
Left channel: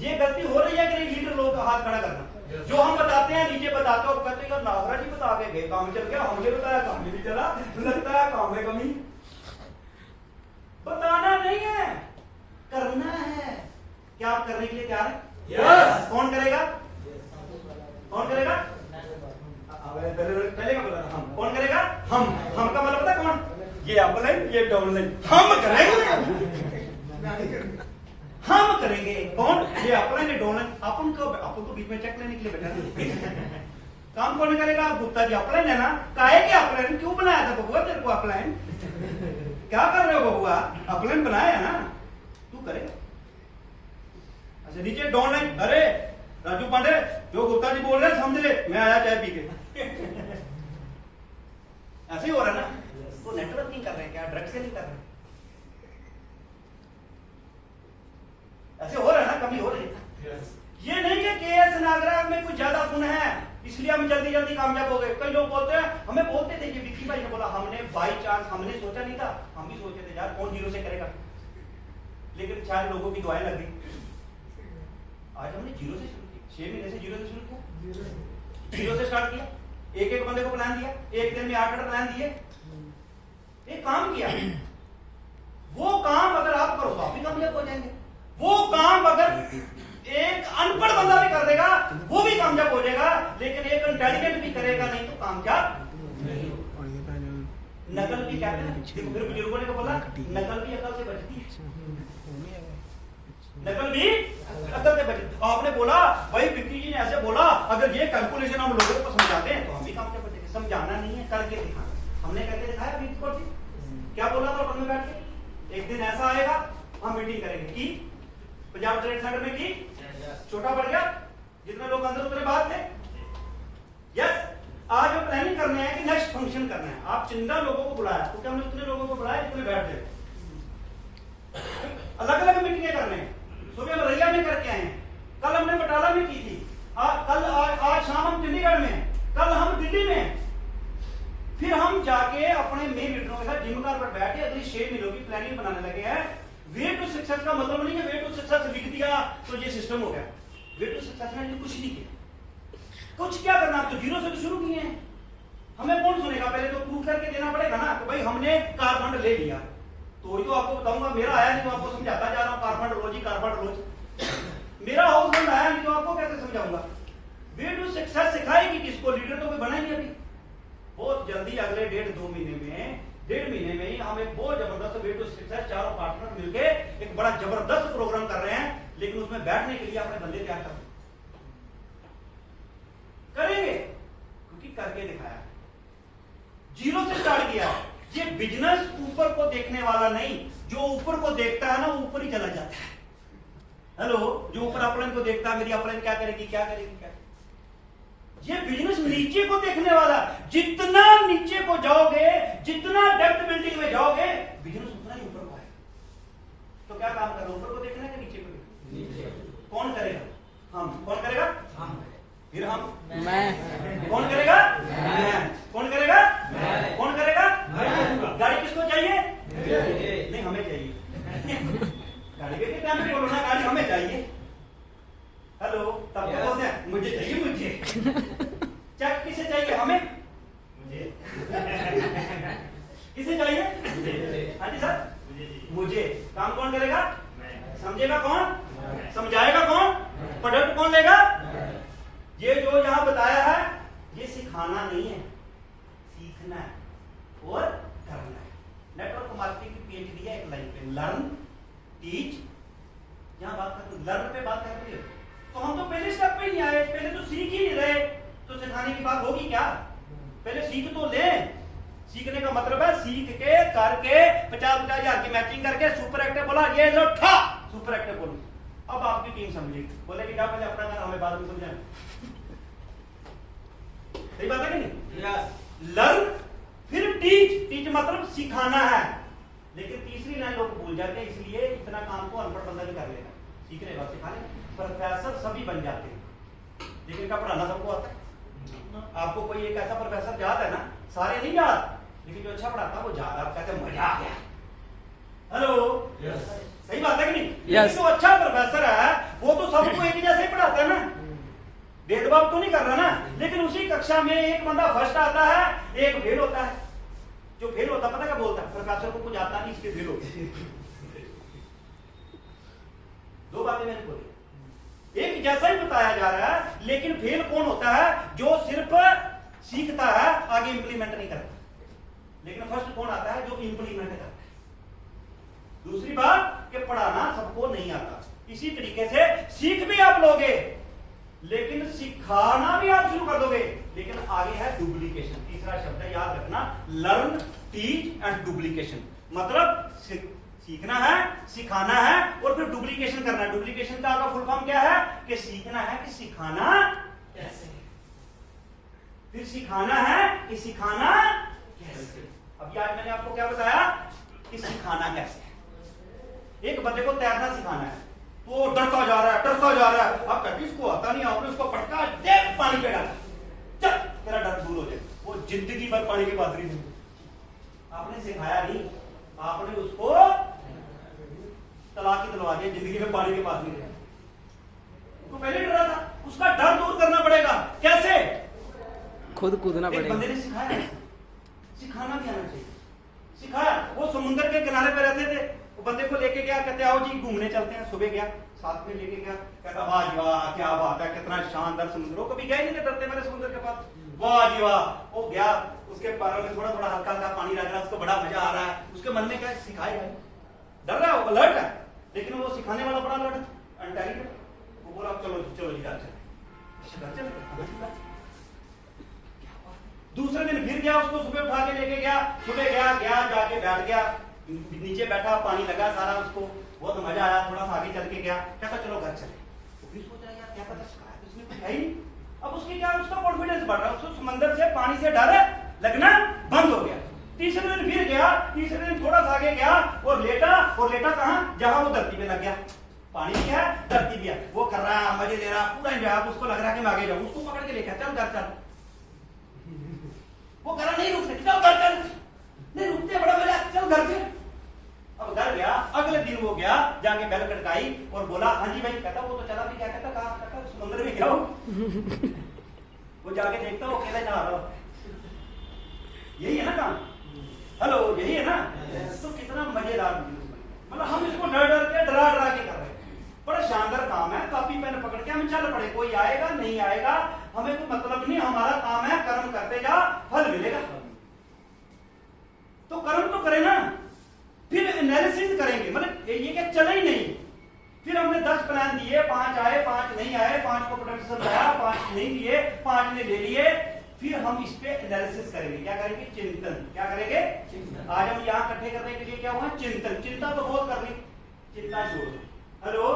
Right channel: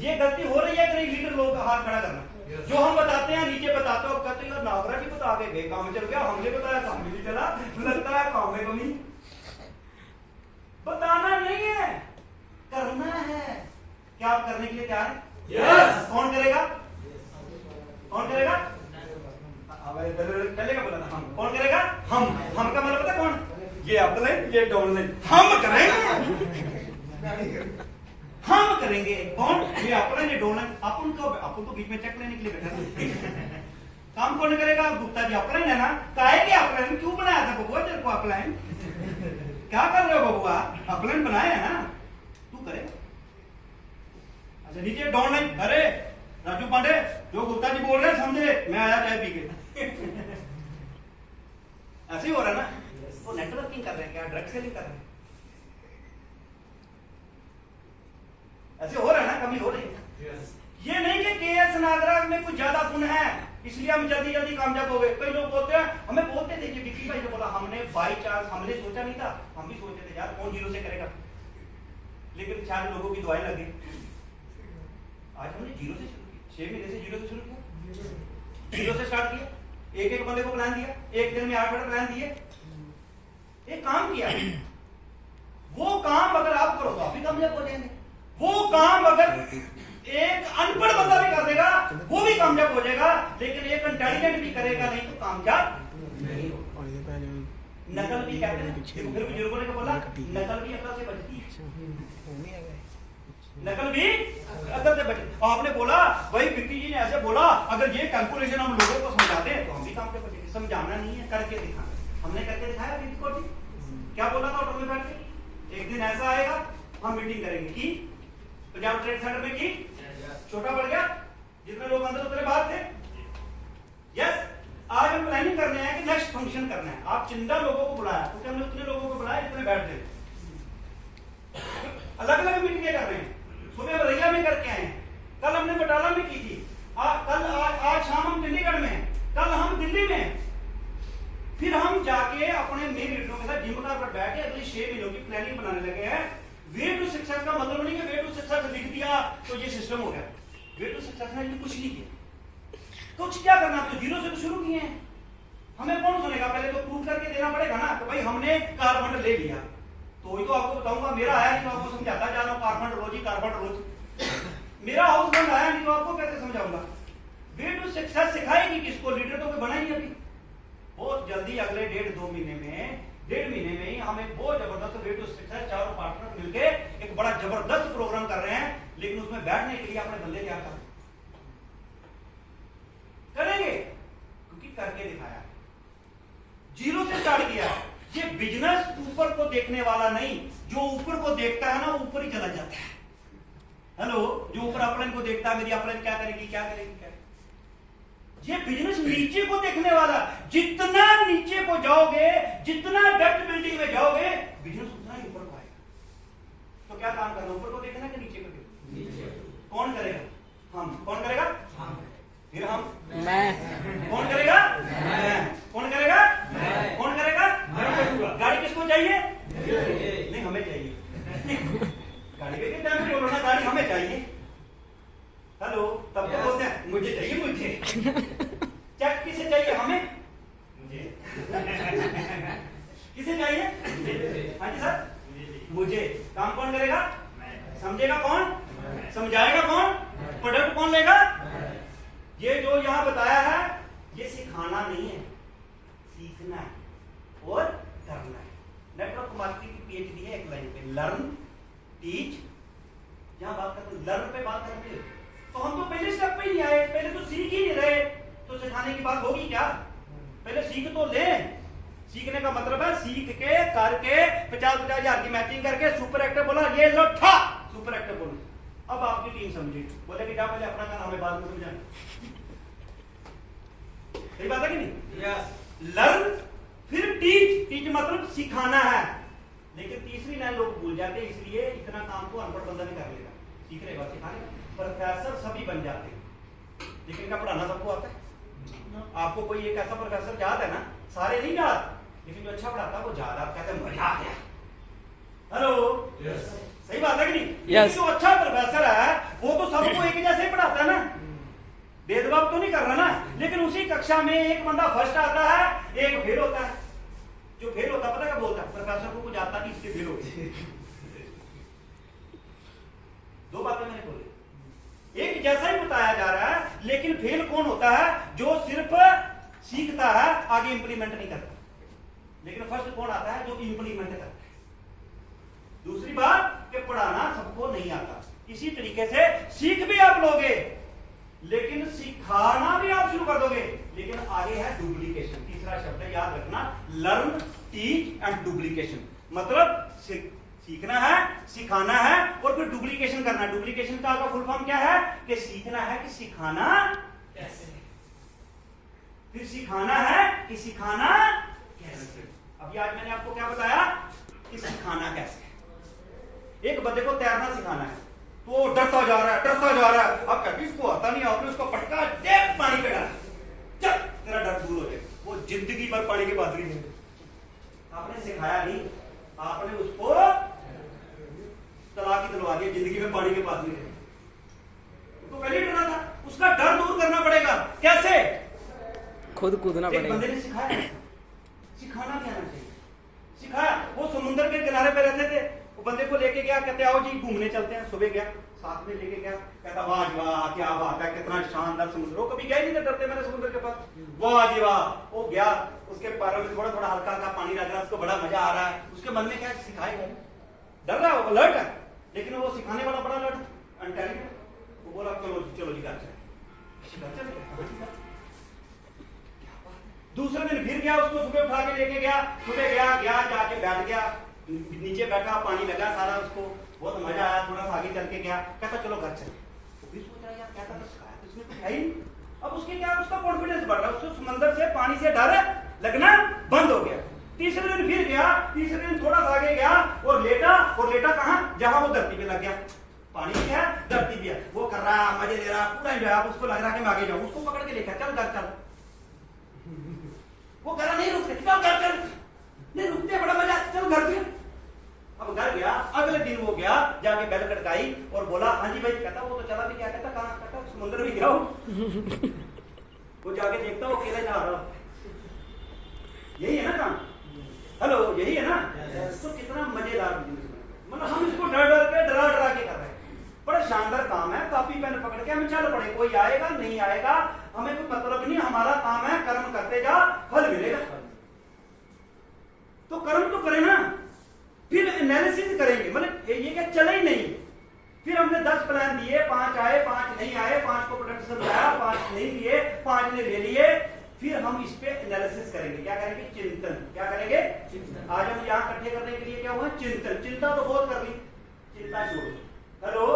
ये गलती हो रही है कि नहीं? लीडर लोगों का हाथ खड़ा करना। जो हम बताते हैं नीचे बताते हैं और कहते हैं नागरा जी बता के गए, काम चल गया, हमने बताया काम नहीं चला, लगता है काम में कमी। बताना नहीं है, करना है। क्या आप करने के लिए तैयार है? यस। कौन करेगा? कौन करेगा? पहले का बोला हम। कौन करेगा? हम का मतलब पता है कौन? ये अपलाइन, ये डाउनलाइन। हम करेंगे। कौन? ये अपलाइन, ये डाउनलाइन। अपन को बीच में चेक लेने के लिए बैठा काम कौन करेगा? गुप्ता जी अपलाइन है ना, काहे के अपलाइन? क्यों बनाया था बबुआ तेरे को अपलाइन? क्या कर रहे हो बबुआ? अपलाइन बनाया है ना, तू करेगा। अच्छा नीचे डाउनलाइन। अरे राजू पांडे, जो गुप्ता जी बोल रहे हैं समझ ले, मैं आया चाय पी के। ऐसे ही हो रहा है ना। वो नेटवर्किंग कर रहे हैं क्या? ड्रग सेलिंग कर रहे हैं? ऐसे हो रहा है ना, कमी हो रही है। ये नहीं कि केएस नागराज में कुछ ज्यादा गुण है इसलिए हम जल्दी जल्दी कामयाब हो गए। कई लोग बोलते हैं, हमें बोलते थे, विक्की भाई ने बोला, हमने बाई चांस, हमने सोचा नहीं था, हम भी सोचते थे यार कौन 0 से करेगा, लेकिन 4 लोगों की दुआएं लगी। आज हमने 0 से शुरू किया, 6 महीने से 0 से शुरू किया, 0 से स्टार्ट किया, एक बंदे को प्लान दिया, एक दिन में 8 प्लान दिए, एक काम किया। वो काम अगर आप करो तो आप भी कामयाब हो जाएंगे। वो काम अगर एक अनपढ़ बंदा भी कर देगा वो भी कामयाब हो जाएगा, लेकिन एक इंटेलिजेंट भी करेगा नहीं तो कामयाब नहीं होगा। नकल भी क्या है? फिर बुजुर्गों ने बोला नकल भी अकल से बचती है, नकल भी अकल से बचती। आपने बोला भाई विक्की जी ने ऐसे बोला, अगर ये कैलकुलेशन हम लोगों को समझाते हैं तो हम भी कामयाब बचेंगे। समझाना नहीं है, करके दिखाना। हमने करके दिखाया अभी क्या बोला था होटल में बैठ के, एक दिन ऐसा आएगा हम मीटिंग करेंगे की पंजाब ट्रेड सेंटर में की, छोटा बढ़ गया, जितने लोग अंदर उतने बाहर थे। यस, आज हम प्लानिंग करने हैं कि नेक्स्ट फंक्शन करना है। आप चिंता लोगों को बुलाया क्योंकि हमने उतने लोगों को बुलाया जितने बैठते थे। अलग अलग मीटिंगें कर रहे हैं। सुबह हम रैया में करके आए हैं, कल हमने बटाला में की थी, आज शाम हम चंडीगढ़ में, कल हम दिल्ली में, फिर हम जाके अपने मेन लीडरों के साथ जिम कार पर बैठ के अगली 6 महीनों की प्लानिंग बनाने लगे हैं। वे टू सक्सेस का मतलब नहीं है वे टू सक्सेस लिख दिया तो ये सिस्टम हो गया। वे टू सक्सेस में कुछ नहीं किया, कुछ क्या करना, तो जीरो से तो शुरू किए हैं। हमें कौन सुनेगा, पहले तो प्रूव करके देना पड़ेगा ना कि भाई हमने कार फंड ले लिया, तो वही तो आपको बताऊंगा। मेरा आया नहीं तो आपको समझाता जा रहा हूं, कार फंड रोज ही कार फंड रोज। मेरा हाउस फंड आया नहीं तो आपको कैसे समझाऊंगा। वे टू सक्सेस सिखाएगी किसको, लीडर तो कोई बना ही अभी। बहुत जल्दी अगले 1.5 महीने में ही हम एक बहुत जबरदस्त वे टू सक्सेस चारों पार्टनर मिलके एक बड़ा जबरदस्त प्रोग्राम कर रहे हैं। लेकिन उसमें बैठने के लिए अपने बंदे तैयार करेंगे, क्योंकि करके दिखाया, जीरो से स्टार्ट किया। ये बिजनेस ऊपर को देखने वाला नहीं, जो ऊपर को देखता है ना ऊपर ही चला जाता है। हेलो, जो ऊपर अपलाइन को देखता है, मेरी अपलाइन क्या करेगी क्या करेगी क्या। ये बिजनेस नीचे को देखने वाला, जितना नीचे को जाओगे, जितना डेप्थ बिल्डिंग में जाओगे, बिजनेस उतना ही ऊपर को आएगा। तो क्या काम करना, ऊपर को देखना है कि नीचे को देखना? नीचे। कौन करेगा? हम। कौन करेगा? हम। फिर हम, मैं। कौन करेगा? मैं। कौन करेगा? मैं। कौन करेगा? मैं। गाड़ी किसको चाहिए? नहीं, हमें चाहिए। गाड़ी के कितना में बोलो ना, गाड़ी हमें चाहिए। हेलो, तब तो बोलते हैं मुझे चाहिए, मुझे। चेक किसे चाहिए? हमें। मुझे। किसे चाहिए? हाँ जी सर, मुझे। काम कौन करेगा? समझेगा कौन? समझाएगा कौन? प्रोडक्ट कौन लेगा? ये जो यहां बताया है ये सिखाना नहीं है, सीखना है और करना है। नेटवर्क मार्केटिंग की पीएचडी है एक लाइन पे, लर्न टीच। यहां बात करते लर्न पे बात करते हो तो हम तो पहले स्टेप पे ही नहीं आए, पहले तो सीख ही नहीं रहे, तो सिखाने की बात होगी क्या? पहले सीख तो ले। सीखने का मतलब है सीख के करके 50-50 हजार की मैचिंग करके सुपर एक्टिव बोला, ये लो ठा सुपर एक्टिव बोलो। अब आपकी टीम समझी, बोले कि पहले अपना काम हमें बाद में समझाना। सही बात है कि नहीं? यस। लर्न फिर टीच। टीच मतलब सिखाना है, लेकिन तीसरी लाइन लोग भूल जाते हैं, इसलिए इतना काम को अनपढ़ बंदा भी कर लेगा। सीख लेगा, सिखाने प्रोफेसर सभी बन जाते हैं, लेकिन क्या पढ़ाना सबको आता है? आपको कोई एक ऐसा प्रोफेसर याद है ना, सारे नहीं याद, लेकिन जो अच्छा पढ़ाता है वो याद। आप कहते हैं मजा आ गया। Hello, yes. सही बात है कि नहीं? यस। जो अच्छा प्रोफेसर है वो तो सबको एक जैसे ही पढ़ाता है ना, भेदभाव तो नहीं कर रहा ना। लेकिन उसी कक्षा में एक बंदा फर्स्ट आता है, एक फेल होता है। जो फेल होता है पता क्या बोलता है? प्रोफेसर को कुछ आता नहीं, इसके फेल होते। दो बातें मैंने बोली, एक जैसा ही बताया जा रहा है, लेकिन फेल कौन होता है? जो सिर्फ सीखता है, आगे इंप्लीमेंट नहीं करता। लेकिन फर्स्ट कौन आता है? जो इंप्लीमेंट करता है। दूसरी बात कि पढ़ाना सबको नहीं आता। इसी तरीके से सीख भी आप लोगे, लेकिन सिखाना भी आप शुरू कर दोगे, लेकिन आगे है डुप्लीकेशन। तीसरा शब्द याद रखना, लर्न टीच एंड डुप्लीकेशन। मतलब सीखना है, सिखाना है और फिर डुप्लीकेशन करना है। डुप्लीकेशन का आपका फुल फॉर्म क्या है? कि सीखना है कि सिखाना कैसे, फिर सिखाना है कि सिखाना कैसे। अभी आज मैंने आपको क्या बताया कि सिखाना कैसे। एक बंदे को तैरना सिखाना है, तो डरता जा रहा है, डरता जा रहा है। आप कहते इसको आता नहीं, आपने उसको पटका दे पानी पे डाला, चल तेरा डर दूर हो जाए। वो जिंदगी भर पानी के पास नहीं, आपने सिखाया नहीं, आपने उसको तलाक ही दिलवा दिया, जिंदगी में पानी के पास नहीं रहे। तो पहले डरा था, उसका डर दूर करना पड़ेगा। कैसे? खुद कूदना पड़ेगा। बंदे ने सिखाया, सिखाना भी आना चाहिए। सिखाया, वो समुद्र के किनारे पे रहते थे, वो बंदे को लेके गया, कहते आओ जी घूमने चलते हैं। सुबह गया, साथ में लेके गया, कहता वाह जी वाह क्या बात है, कितना शानदार समुद्र। वो कभी गए नहीं थे, डरते मैंने समुद्र के पास। वाह जी वाह, वो गया, उसके पैरों में थोड़ा थोड़ा हल्का हल्का पानी लग रहा है, उसको बड़ा मजा आ रहा है। उसके मन में क्या सिखाएगा, डर रहा है, वो अलर्ट है, लेकिन वो सिखाने वाला बड़ा अलर्ट है। वो बोला चलो चलो जी घर चले। दूसरे दिन फिर गया, उसको सुबह उठा के लेके गया। सुबह गया जाके बैठ गया, नीचे बैठा, पानी लगा सारा, उसको बहुत मजा आया। थोड़ा सा आगे चल के गया, कहता चलो घर चले। तो फिर सोचा यार क्या पता सिखाया, इसमें कुछ है ही। अब उसके क्या, उसका कॉन्फिडेंस बढ़ रहा, उसको समंदर से पानी से डर लगना बंद हो गया। तीसरे दिन फिर गया, तीसरे दिन थोड़ा सा आगे गया और लेटा कहां? जहां वो धरती पे लग गया। पानी भी है, धरती भी है, वो कर रहा है, मजे ले रहा, पूरा एंजॉय। उसको लग रहा है कि मैं आगे जाऊं, उसको पकड़ के लेकर चल घर चल। वो कह रहा नहीं रुकते, चल घर चल, नहीं रुकते, बड़ा मजा, चल घर चल। अब घर गया, अगले दिन वो गया, जाके बेल खटकाई और बोला हाँ जी भाई। कहता वो तो चला भी गया, कहता कहाँ, कहता समुद्र में गिरा हूं। वो जाके देखता वो अकेला नहा रहा। यही है ना काम, हेलो यही है ना। तो कितना मजेदार, मतलब हम इसको डर डर के डरा डरा के कर रहे हैं। बड़ा शानदार काम है, कॉपी पेन पकड़ के हम चल पड़े, कोई आएगा नहीं आएगा हमें कोई मतलब नहीं, हमारा काम है कर्म करते जा, फल मिलेगा। तो कर्म तो करें ना, फिर एनालिसिस करेंगे, मतलब ये क्या चला ही नहीं। फिर हमने 10 प्लान दिए, 5 आए 5 नहीं आए, 5 को प्रोडक्शन लाया, 5 नहीं लिए, 5 ने ले लिए। फिर हम इस पे एनालिसिस करेंगे, क्या करेंगे, चिंतन। क्या करेंगे, चिंतन। आज हम यहाँ इकट्ठे करने के लिए क्या हुआ, चिंतन। चिंता तो बहुत कर ली, चिंता छोड़ो, हेलो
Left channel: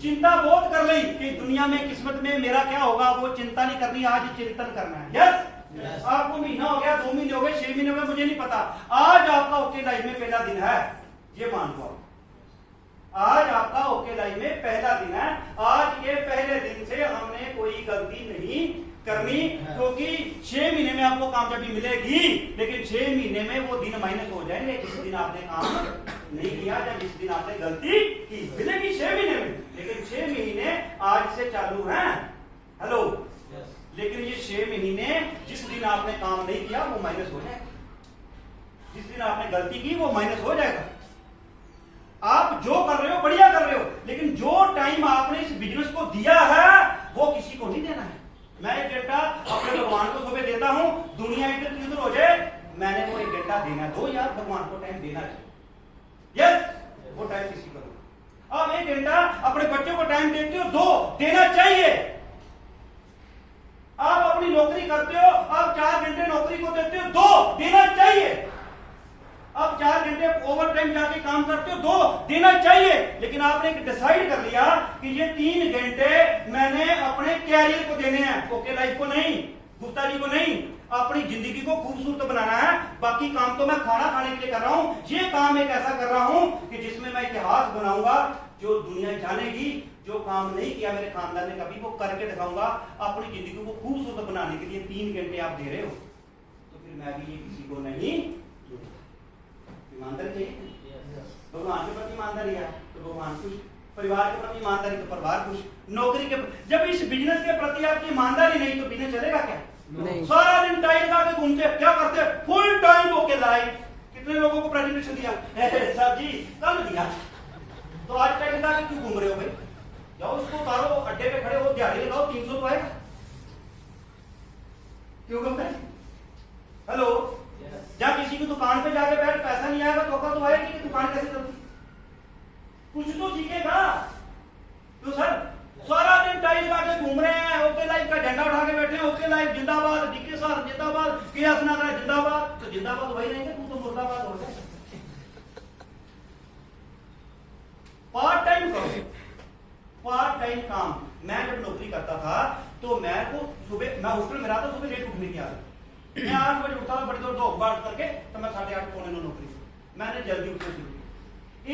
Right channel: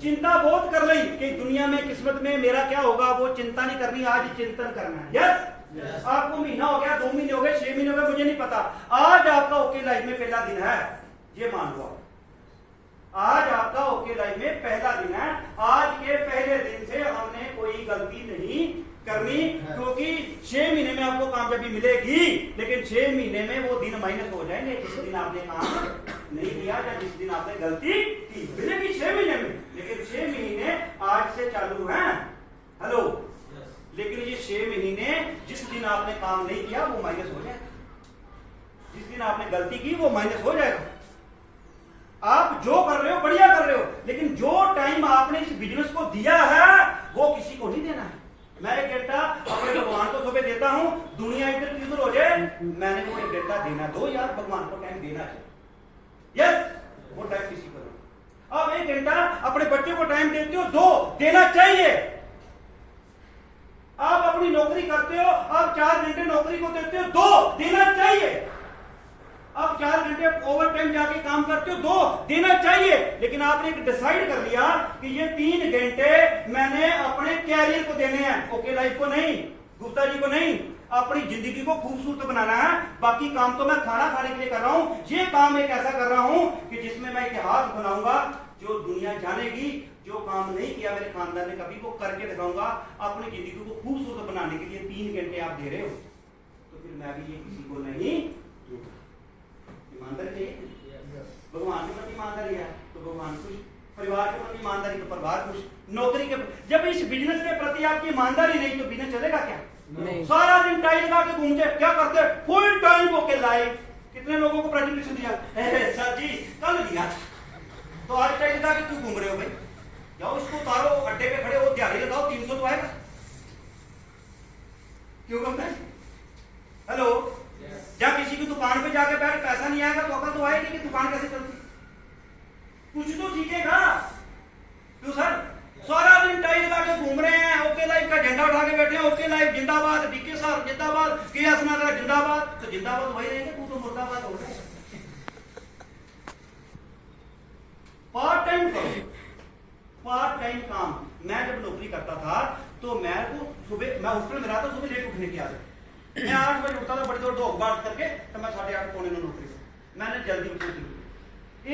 चिंता बहुत कर ली कि दुनिया में किस्मत में मेरा क्या होगा, वो चिंता नहीं करनी, आज चिंतन करना है। यस, आपको महीना हो गया, 2 महीने हो गए, 6 महीने हो गए, मुझे नहीं पता, आज आपका ओके लाइफ में पहला दिन है, ये मान लो। आज आपका ओके लाइफ में पहला दिन है। आज के पहले दिन से हमने कोई गलती नहीं करनी, क्योंकि 6 महीने में आपको कामयाबी मिलेगी, लेकिन 6 महीने में वो दिन माइनस हो जाएंगे जिस दिन आपने काम नहीं किया, या जिस दिन आपने गलती की। मिलेगी 6 महीने में, लेकिन 6 महीने आज से चालू हैं, हेलो। लेकिन ये 6 महीने जिस दिन आपने काम नहीं किया वो माइनस हो जाएगा, जिस दिन आपने गलती की वो माइनस हो जाएगा। आप जो कर रहे हो बढ़िया कर रहे हो, लेकिन जो टाइम आपने इस बिजनेस को दिया है वो किसी को नहीं देना है। मैं 1 घंटा अपने भगवान को सुबह देता हूं, दुनिया इधर की उधर हो जाए, मैंने वो 1 घंटा देना, दो यार भगवान को टाइम देना चाहिए। यस, वो टाइम किसी को दो। अब 1 घंटा अपने बच्चों को टाइम देते हो, दो देना चाहिए। आप अपनी नौकरी करते हो, आप 4 घंटे नौकरी को देते हो, 2 देना चाहिए। आप 4 घंटे ओवर टाइम जाके काम करते हो, 2 देना चाहिए। लेकिन आपने डिसाइड कर लिया कि ये 3 घंटे मैंने अपने कैरियर को देने हैं, ओके लाइफ को नहीं, गुप्ता जी को नहीं, अपनी जिंदगी को खूबसूरत बनाना है। बाकी काम तो मैं खाना खाने के लिए कर रहा हूं, ये काम एक ऐसा कर रहा हूं कि जिसमें मैं इतिहास बनाऊंगा, जो दुनिया जानेगी। जो काम नहीं किया मेरे खानदान ने कभी, वो करके दिखाऊंगा। अपनी जिंदगी को खूबसूरत बनाने के लिए 3 घंटे आप दे रहे हो, तो फिर मैं भी ये किसी को नहीं दूंगा। ईमानदारी चाहिए, भगवान के प्रति ईमानदारी है तो भगवान खुश, परिवार के प्रति ईमानदारी तो परिवार खुश, नौकरी के, जब इस बिजनेस के प्रति आपकी ईमानदारी नहीं तो बिजनेस चलेगा क्या? नहीं। सारा दिन टाइल लगा के घूमते, क्या करते, फुल टाइम होके लाइव। कितने लोगों को प्रेजेंटेशन दिया सर जी, कल दिया, तो आज टाइल लगा के क्यों घूम रहे हो भाई? जाओ इसको उतारो, अड्डे पे खड़े हो, दिहाड़ी लगाओ, 300 तो आएगा। क्यों कम नहीं? हेलो, जब किसी की दुकान पे जाके बैठ पैसा नहीं आएगा तो अकल तो आएगी कि दुकान कैसे चलती, कुछ तो सीखेगा। तो सर सारा दिन टाइल लगा के घूम रहे हैं, ओके लाइफ का झंडा उठा के बैठे हैं, ओके लाइफ जिंदाबाद, डीके सर जिंदाबाद, केएस नगरा जिंदाबाद, तो जिंदाबाद वही रहेंगे, तू तो मुर्दाबाद हो जाए। पार्ट टाइम करो, पार्ट टाइम काम। मैं जब नौकरी करता था तो मैं को सुबह, मैं हॉस्टल में रहा था, सुबह लेट उठने की आदत, मैं 8 बजे उठता था, बड़ी देर दो बात करके, तो मैं 8:30 पौने 9 नौकरी से मैंने जल्दी उठना शुरू किया।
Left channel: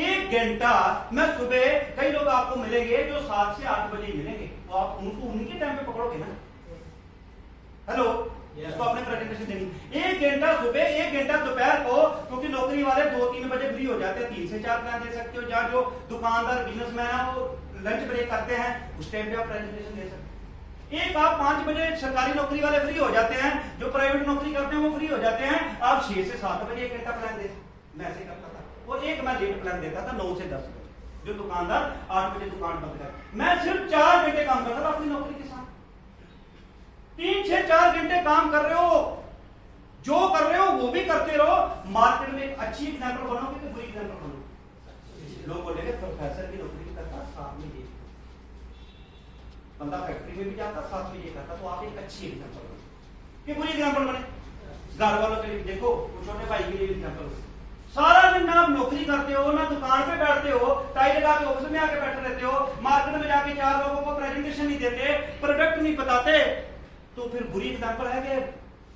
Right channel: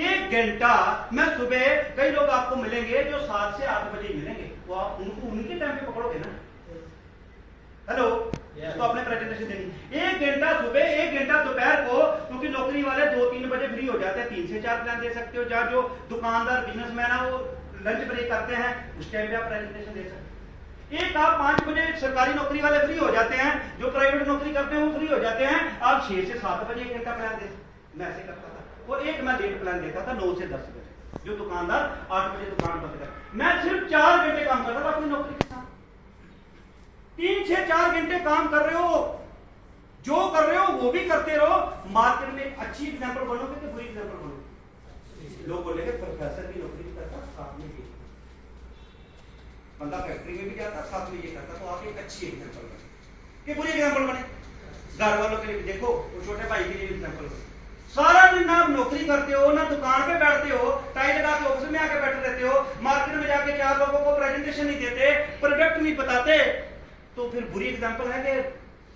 1 घंटा मैं सुबह, कई लोग आपको मिलेंगे जो 7 से 8 बजे मिलेंगे, तो आप उनको उनके टाइम पे पकड़ोगे ना। हेलो, इसको अपने प्रेजेंटेशन देंगे। 1 घंटा सुबह, 1 घंटा दोपहर को, क्योंकि नौकरी वाले 2-3 बजे फ्री हो जाते हैं, 3 से 4 प्लान दे सकते हो। जहाँ जो दुकानदार बिजनेसमैन है वो लंच ब्रेक करते हैं, उस टाइम पे आप प्रेजेंटेशन दे सकते हैं। एक आप 5 बजे सरकारी नौकरी वाले फ्री हो जाते हैं, जो प्राइवेट नौकरी करते हैं वो फ्री हो जाते हैं, आप 6 से 7 बजे 1 घंटा प्लान दे। मैं ऐसे करता था। और एक मैं लेट प्लान देता था 9 से 10 बजे, जो दुकानदार 8 बजे दुकान बंद कर, मैं सिर्फ 4 घंटे काम करता था अपनी नौकरी के साथ। 3 से 4 घंटे काम कर रहे हो, जो कर रहे हो वो भी करते रहो। मार्केट में एक अच्छी एग्जाम्पल बनोगे कि बुरी एग्जाम्पल बनोगे? लोग बोलेंगे प्रोफेसर की नौकरी भी करता, साथ में ये बंदा फैक्ट्री में भी जाता, साथ में ये करता, तो आप एक अच्छी एग्जाम्पल बने। बुरी एग्जाम्पल बने घर वालों के लिए भी, देखो छोटे भाई के लिए एग्जाम्पल। सारा दिन ना आप नौकरी करते हो, ना दुकान पे बैठते हो, टाई लगा के ऑफिस में आके बैठे रहते हो, मार्केट में जाके 4 लोगों को प्रेजेंटेशन नहीं देते, प्रोडक्ट नहीं बताते, तो फिर बुरी एग्जाम्पल है कि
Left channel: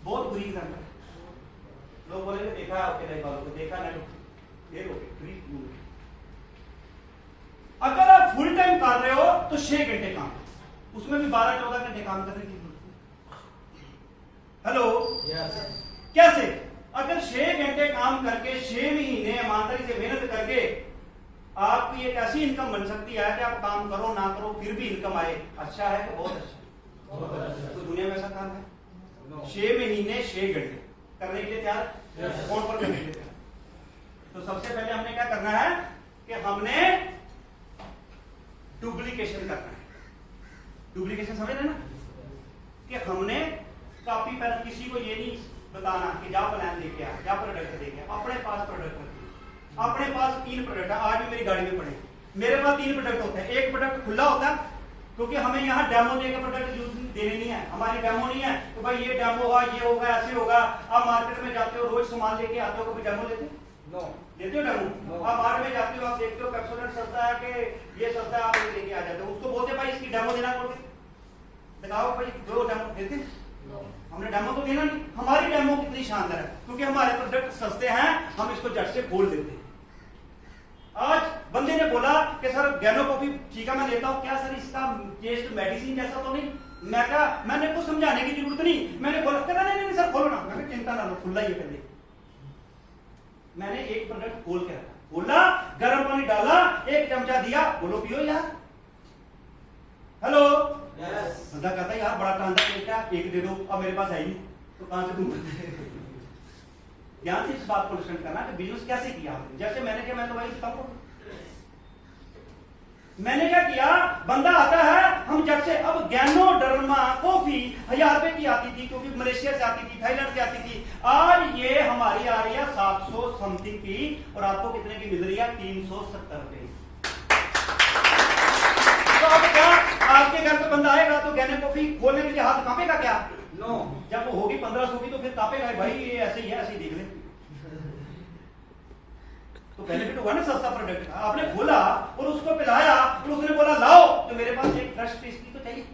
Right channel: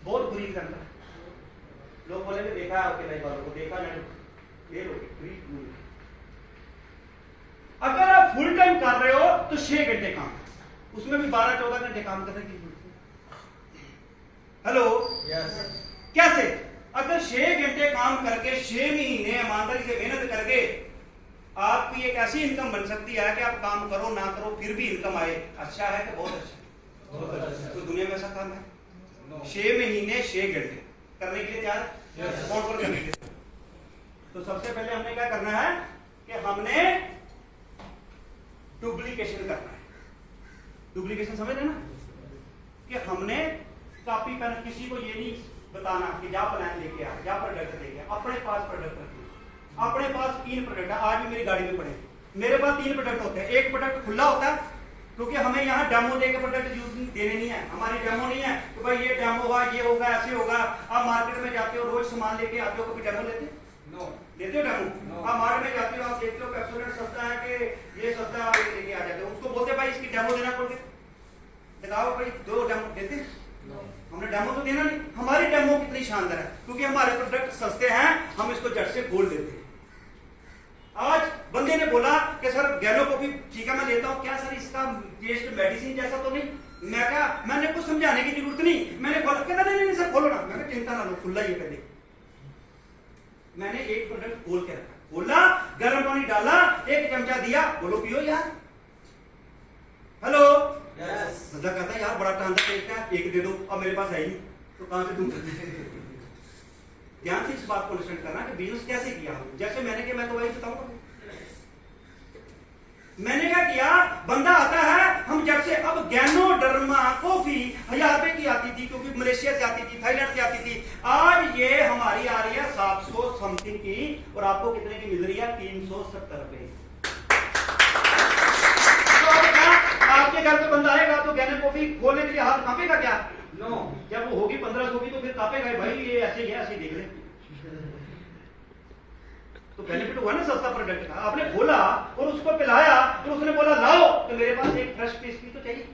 बहुत बुरी एग्जाम्पल है। लोग बोलेंगे देखा है ओके वालों को, देखा नहीं, ले लो फ्री। अगर आप फुल टाइम कर रहे हो तो 6 घंटे काम, उसमें भी 12-14 घंटे काम करने की। हेलो, कैसे? अगर 6 घंटे काम करके 6 महीने ईमानदारी से मेहनत करके आपकी एक ऐसी इनकम बन सकती है कि आप काम करो ना करो फिर भी इनकम आए, अच्छा है कि बहुत अच्छा? तो दुनिया में ऐसा काम है? 6 महीने 6 घंटे करने के लिए तैयार है? कौन कौन करने के लिए तैयार? तो सबसे पहले हमने क्या करना है कि हमने डुप्लीकेशन करना है। डुप्लीकेशन समझ रहे ना, कि हमने कॉपी पेन, किसी को ये नहीं बताना कि जा प्लान लेके आ, जा प्रोडक्ट लेके आ, अपने पास प्रोडक्ट रखिए। अपने पास 3 प्रोडक्ट है, आज भी मेरी गाड़ी में पड़े, मेरे पास 3 प्रोडक्ट होते हैं। एक प्रोडक्ट खुला होता है क्योंकि हमें यहाँ डेमो देकर प्रोडक्ट यूज देने नहीं है, हमारी डेमो नहीं है तो भाई ये डेमो हुआ, ये होगा, ऐसे होगा। आप मार्केट में जाते हो, रोज सामान लेके आते हो, कभी डेमो लेते हो? नो। लेते हो डेमो? आप मार्केट में जाते हो, आप देखते हो पेप्सोडेंट सस्ता है कि ये सस्ता है, आप लेके आ जाते हो। उसको बोलते भाई इसकी डेमो देना पड़ती, दिखाओ भाई 2 डेमो देते। हमने डेमो तो देना नहीं। हमारी डेमो कितनी शानदार है क्योंकि हमारे प्रोडक्ट सस्ते हैं, हम इसको झट से खोल देते हैं। आज बंदे ने बोला कि सर गैनो कॉफी ठीक है मैं लेता हूं, क्या सर इसका टेस्ट मेडिसिन जैसा तो नहीं? मैं कहा मैंने कुछ समझाने की जरूरत नहीं, मैंने बोला कहता नहीं सर खोलो ना। मैंने चिंता ना लो, खुला ही पहले। मैंने एक प्रोडक्ट खोल के रखा, खोला, गर्म पानी डाला, 1 चमचा दिया, बोलो पियो यार। हेलो, बंदा कहता है यार बड़ा टांदा टेस्ट है, 1 दे दो। अब मेरे पास है ही तो कहां से दूंगा? ध्यान से इस बात को लिसन करना कि बिजनेस कैसे किया हमने। जैसे मैंने किया मैं तो वही बताऊंगा। मैंने क्या किया, बंदा आता है, हम जब से अब गैनोडर्मा कॉफी 1000 रुपए की आती थी क्योंकि मलेशिया से आती थी, थाईलैंड से आती थी। आज ये हमारी आ रही है 700 समथिंग की, और आपको कितने की मिल रही है? 370 रुपए। तो अब क्या आपके घर पे बंदा आएगा तो गैनो कॉफी खोलने के लिए हाथ कांपेगा क्या? नो। जब वो होगी 1500 की तो फिर कांपेगा भाई, ये ऐसे ही है, ऐसे ही देख ले। तो बेनिफिट हुआ ना, सस्ता प्रोडक्ट आपने खोला और उसको पिलाया और उसने बोला लाओ, तो मेरे पास एक फ्रेश पेस्ट्री तो चाहिए।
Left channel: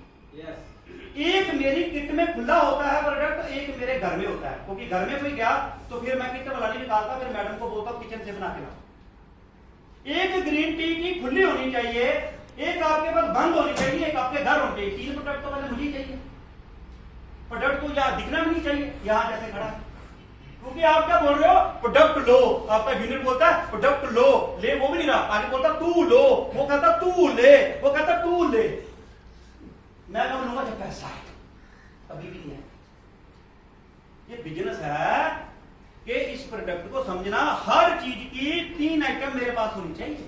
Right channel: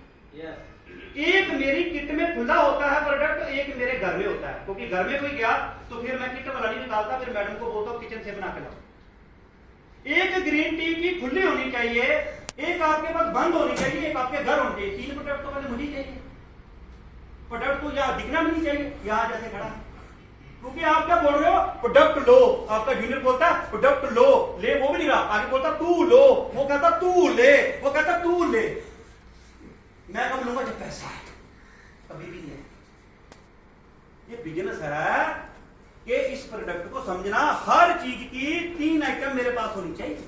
एक मेरी किट में खुला होता है प्रोडक्ट, एक मेरे घर में होता है, क्योंकि घर में कोई गया तो फिर मैं किट वाला नहीं निकालता, फिर मैडम को बोलता हूँ किचन से बना के लाओ। एक ग्रीन टी की खुली होनी चाहिए, एक आपके पास बंद होनी चाहिए, एक आपके घर होनी चाहिए। 3 प्रोडक्ट तो पहले मुझे चाहिए। प्रोडक्ट को यहाँ दिखना भी नहीं चाहिए, यहाँ जैसे खड़ा, क्योंकि आप क्या बोल रहे हो? प्रोडक्ट लो। आपका यूनिट बोलता है प्रोडक्ट लो, ले वो भी नहीं रहा, आगे बोलता तू लो, वो कहता तू ले, वो कहता तू ले। मैं कब लूंगा? जब पैसा है, अभी भी नहीं है। ये बिजनेस है कि इस प्रोडक्ट को समझना, हर चीज की 3 आइटम मेरे पास होनी चाहिए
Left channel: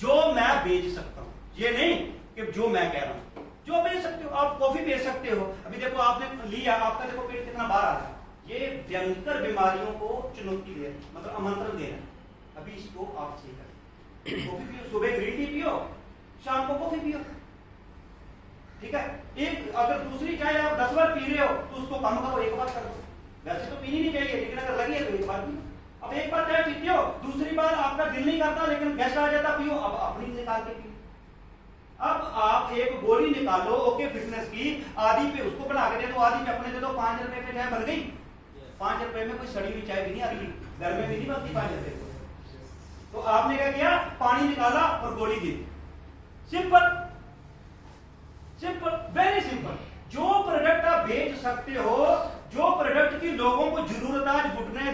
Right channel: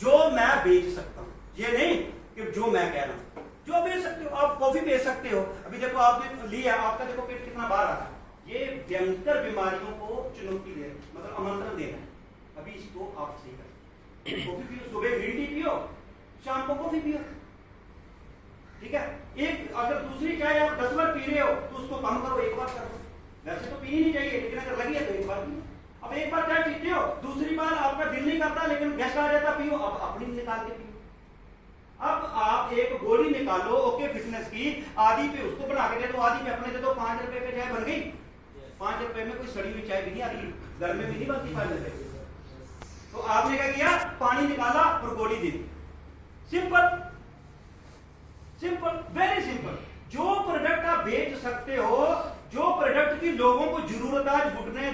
जो मैं बेच सकता हूं। ये नहीं कि जो मैं कह रहा हूं, जो बेच सकते हो। आप कॉफी बेच सकते हो, अभी देखो आपने लिया, आपका देखो पेट कितना बाहर आ रहा है। ये भयंकर बीमारियों को चुनौती दे, मतलब आमंत्रण दे रहा है। अभी इसको आप सही करें। कॉफी पियो, सुबह ग्रीन टी पियो, शाम को कॉफी पियो, ठीक है? एक अगर दूसरी चाय आप 10 बार पी रहे हो तो उसको कम करो, 1 बार करो। वैसे तो पीनी नहीं चाहिए, लेकिन अगर लगी है तो 1 बार पियो। अब 1 बार चाय पीते हो, दूसरी बार आपका दिल नहीं करता, लेकिन गेस्ट आ जाता, पियो। अब अपनी निकाल के पियो। अब आप एक गोली निकालो ओके फिटनेस की, आधी पे उसको बना के दे दो, आधी पे अपने दे दो। 5 रुपए पे चाय बन गई। 5 रुपए में कोई सड़ी हुई चाय भी नहीं आ रही, घर में भी नहीं बनती 5 रुपए। तो आपने क्या किया? पानी निकाला और गोली दी। Simple, simple, very simple. जो प्रोडक्ट आप बेच सकते हो, जो प्रोडक्ट की लोगों को जरूरत है, आज घुटने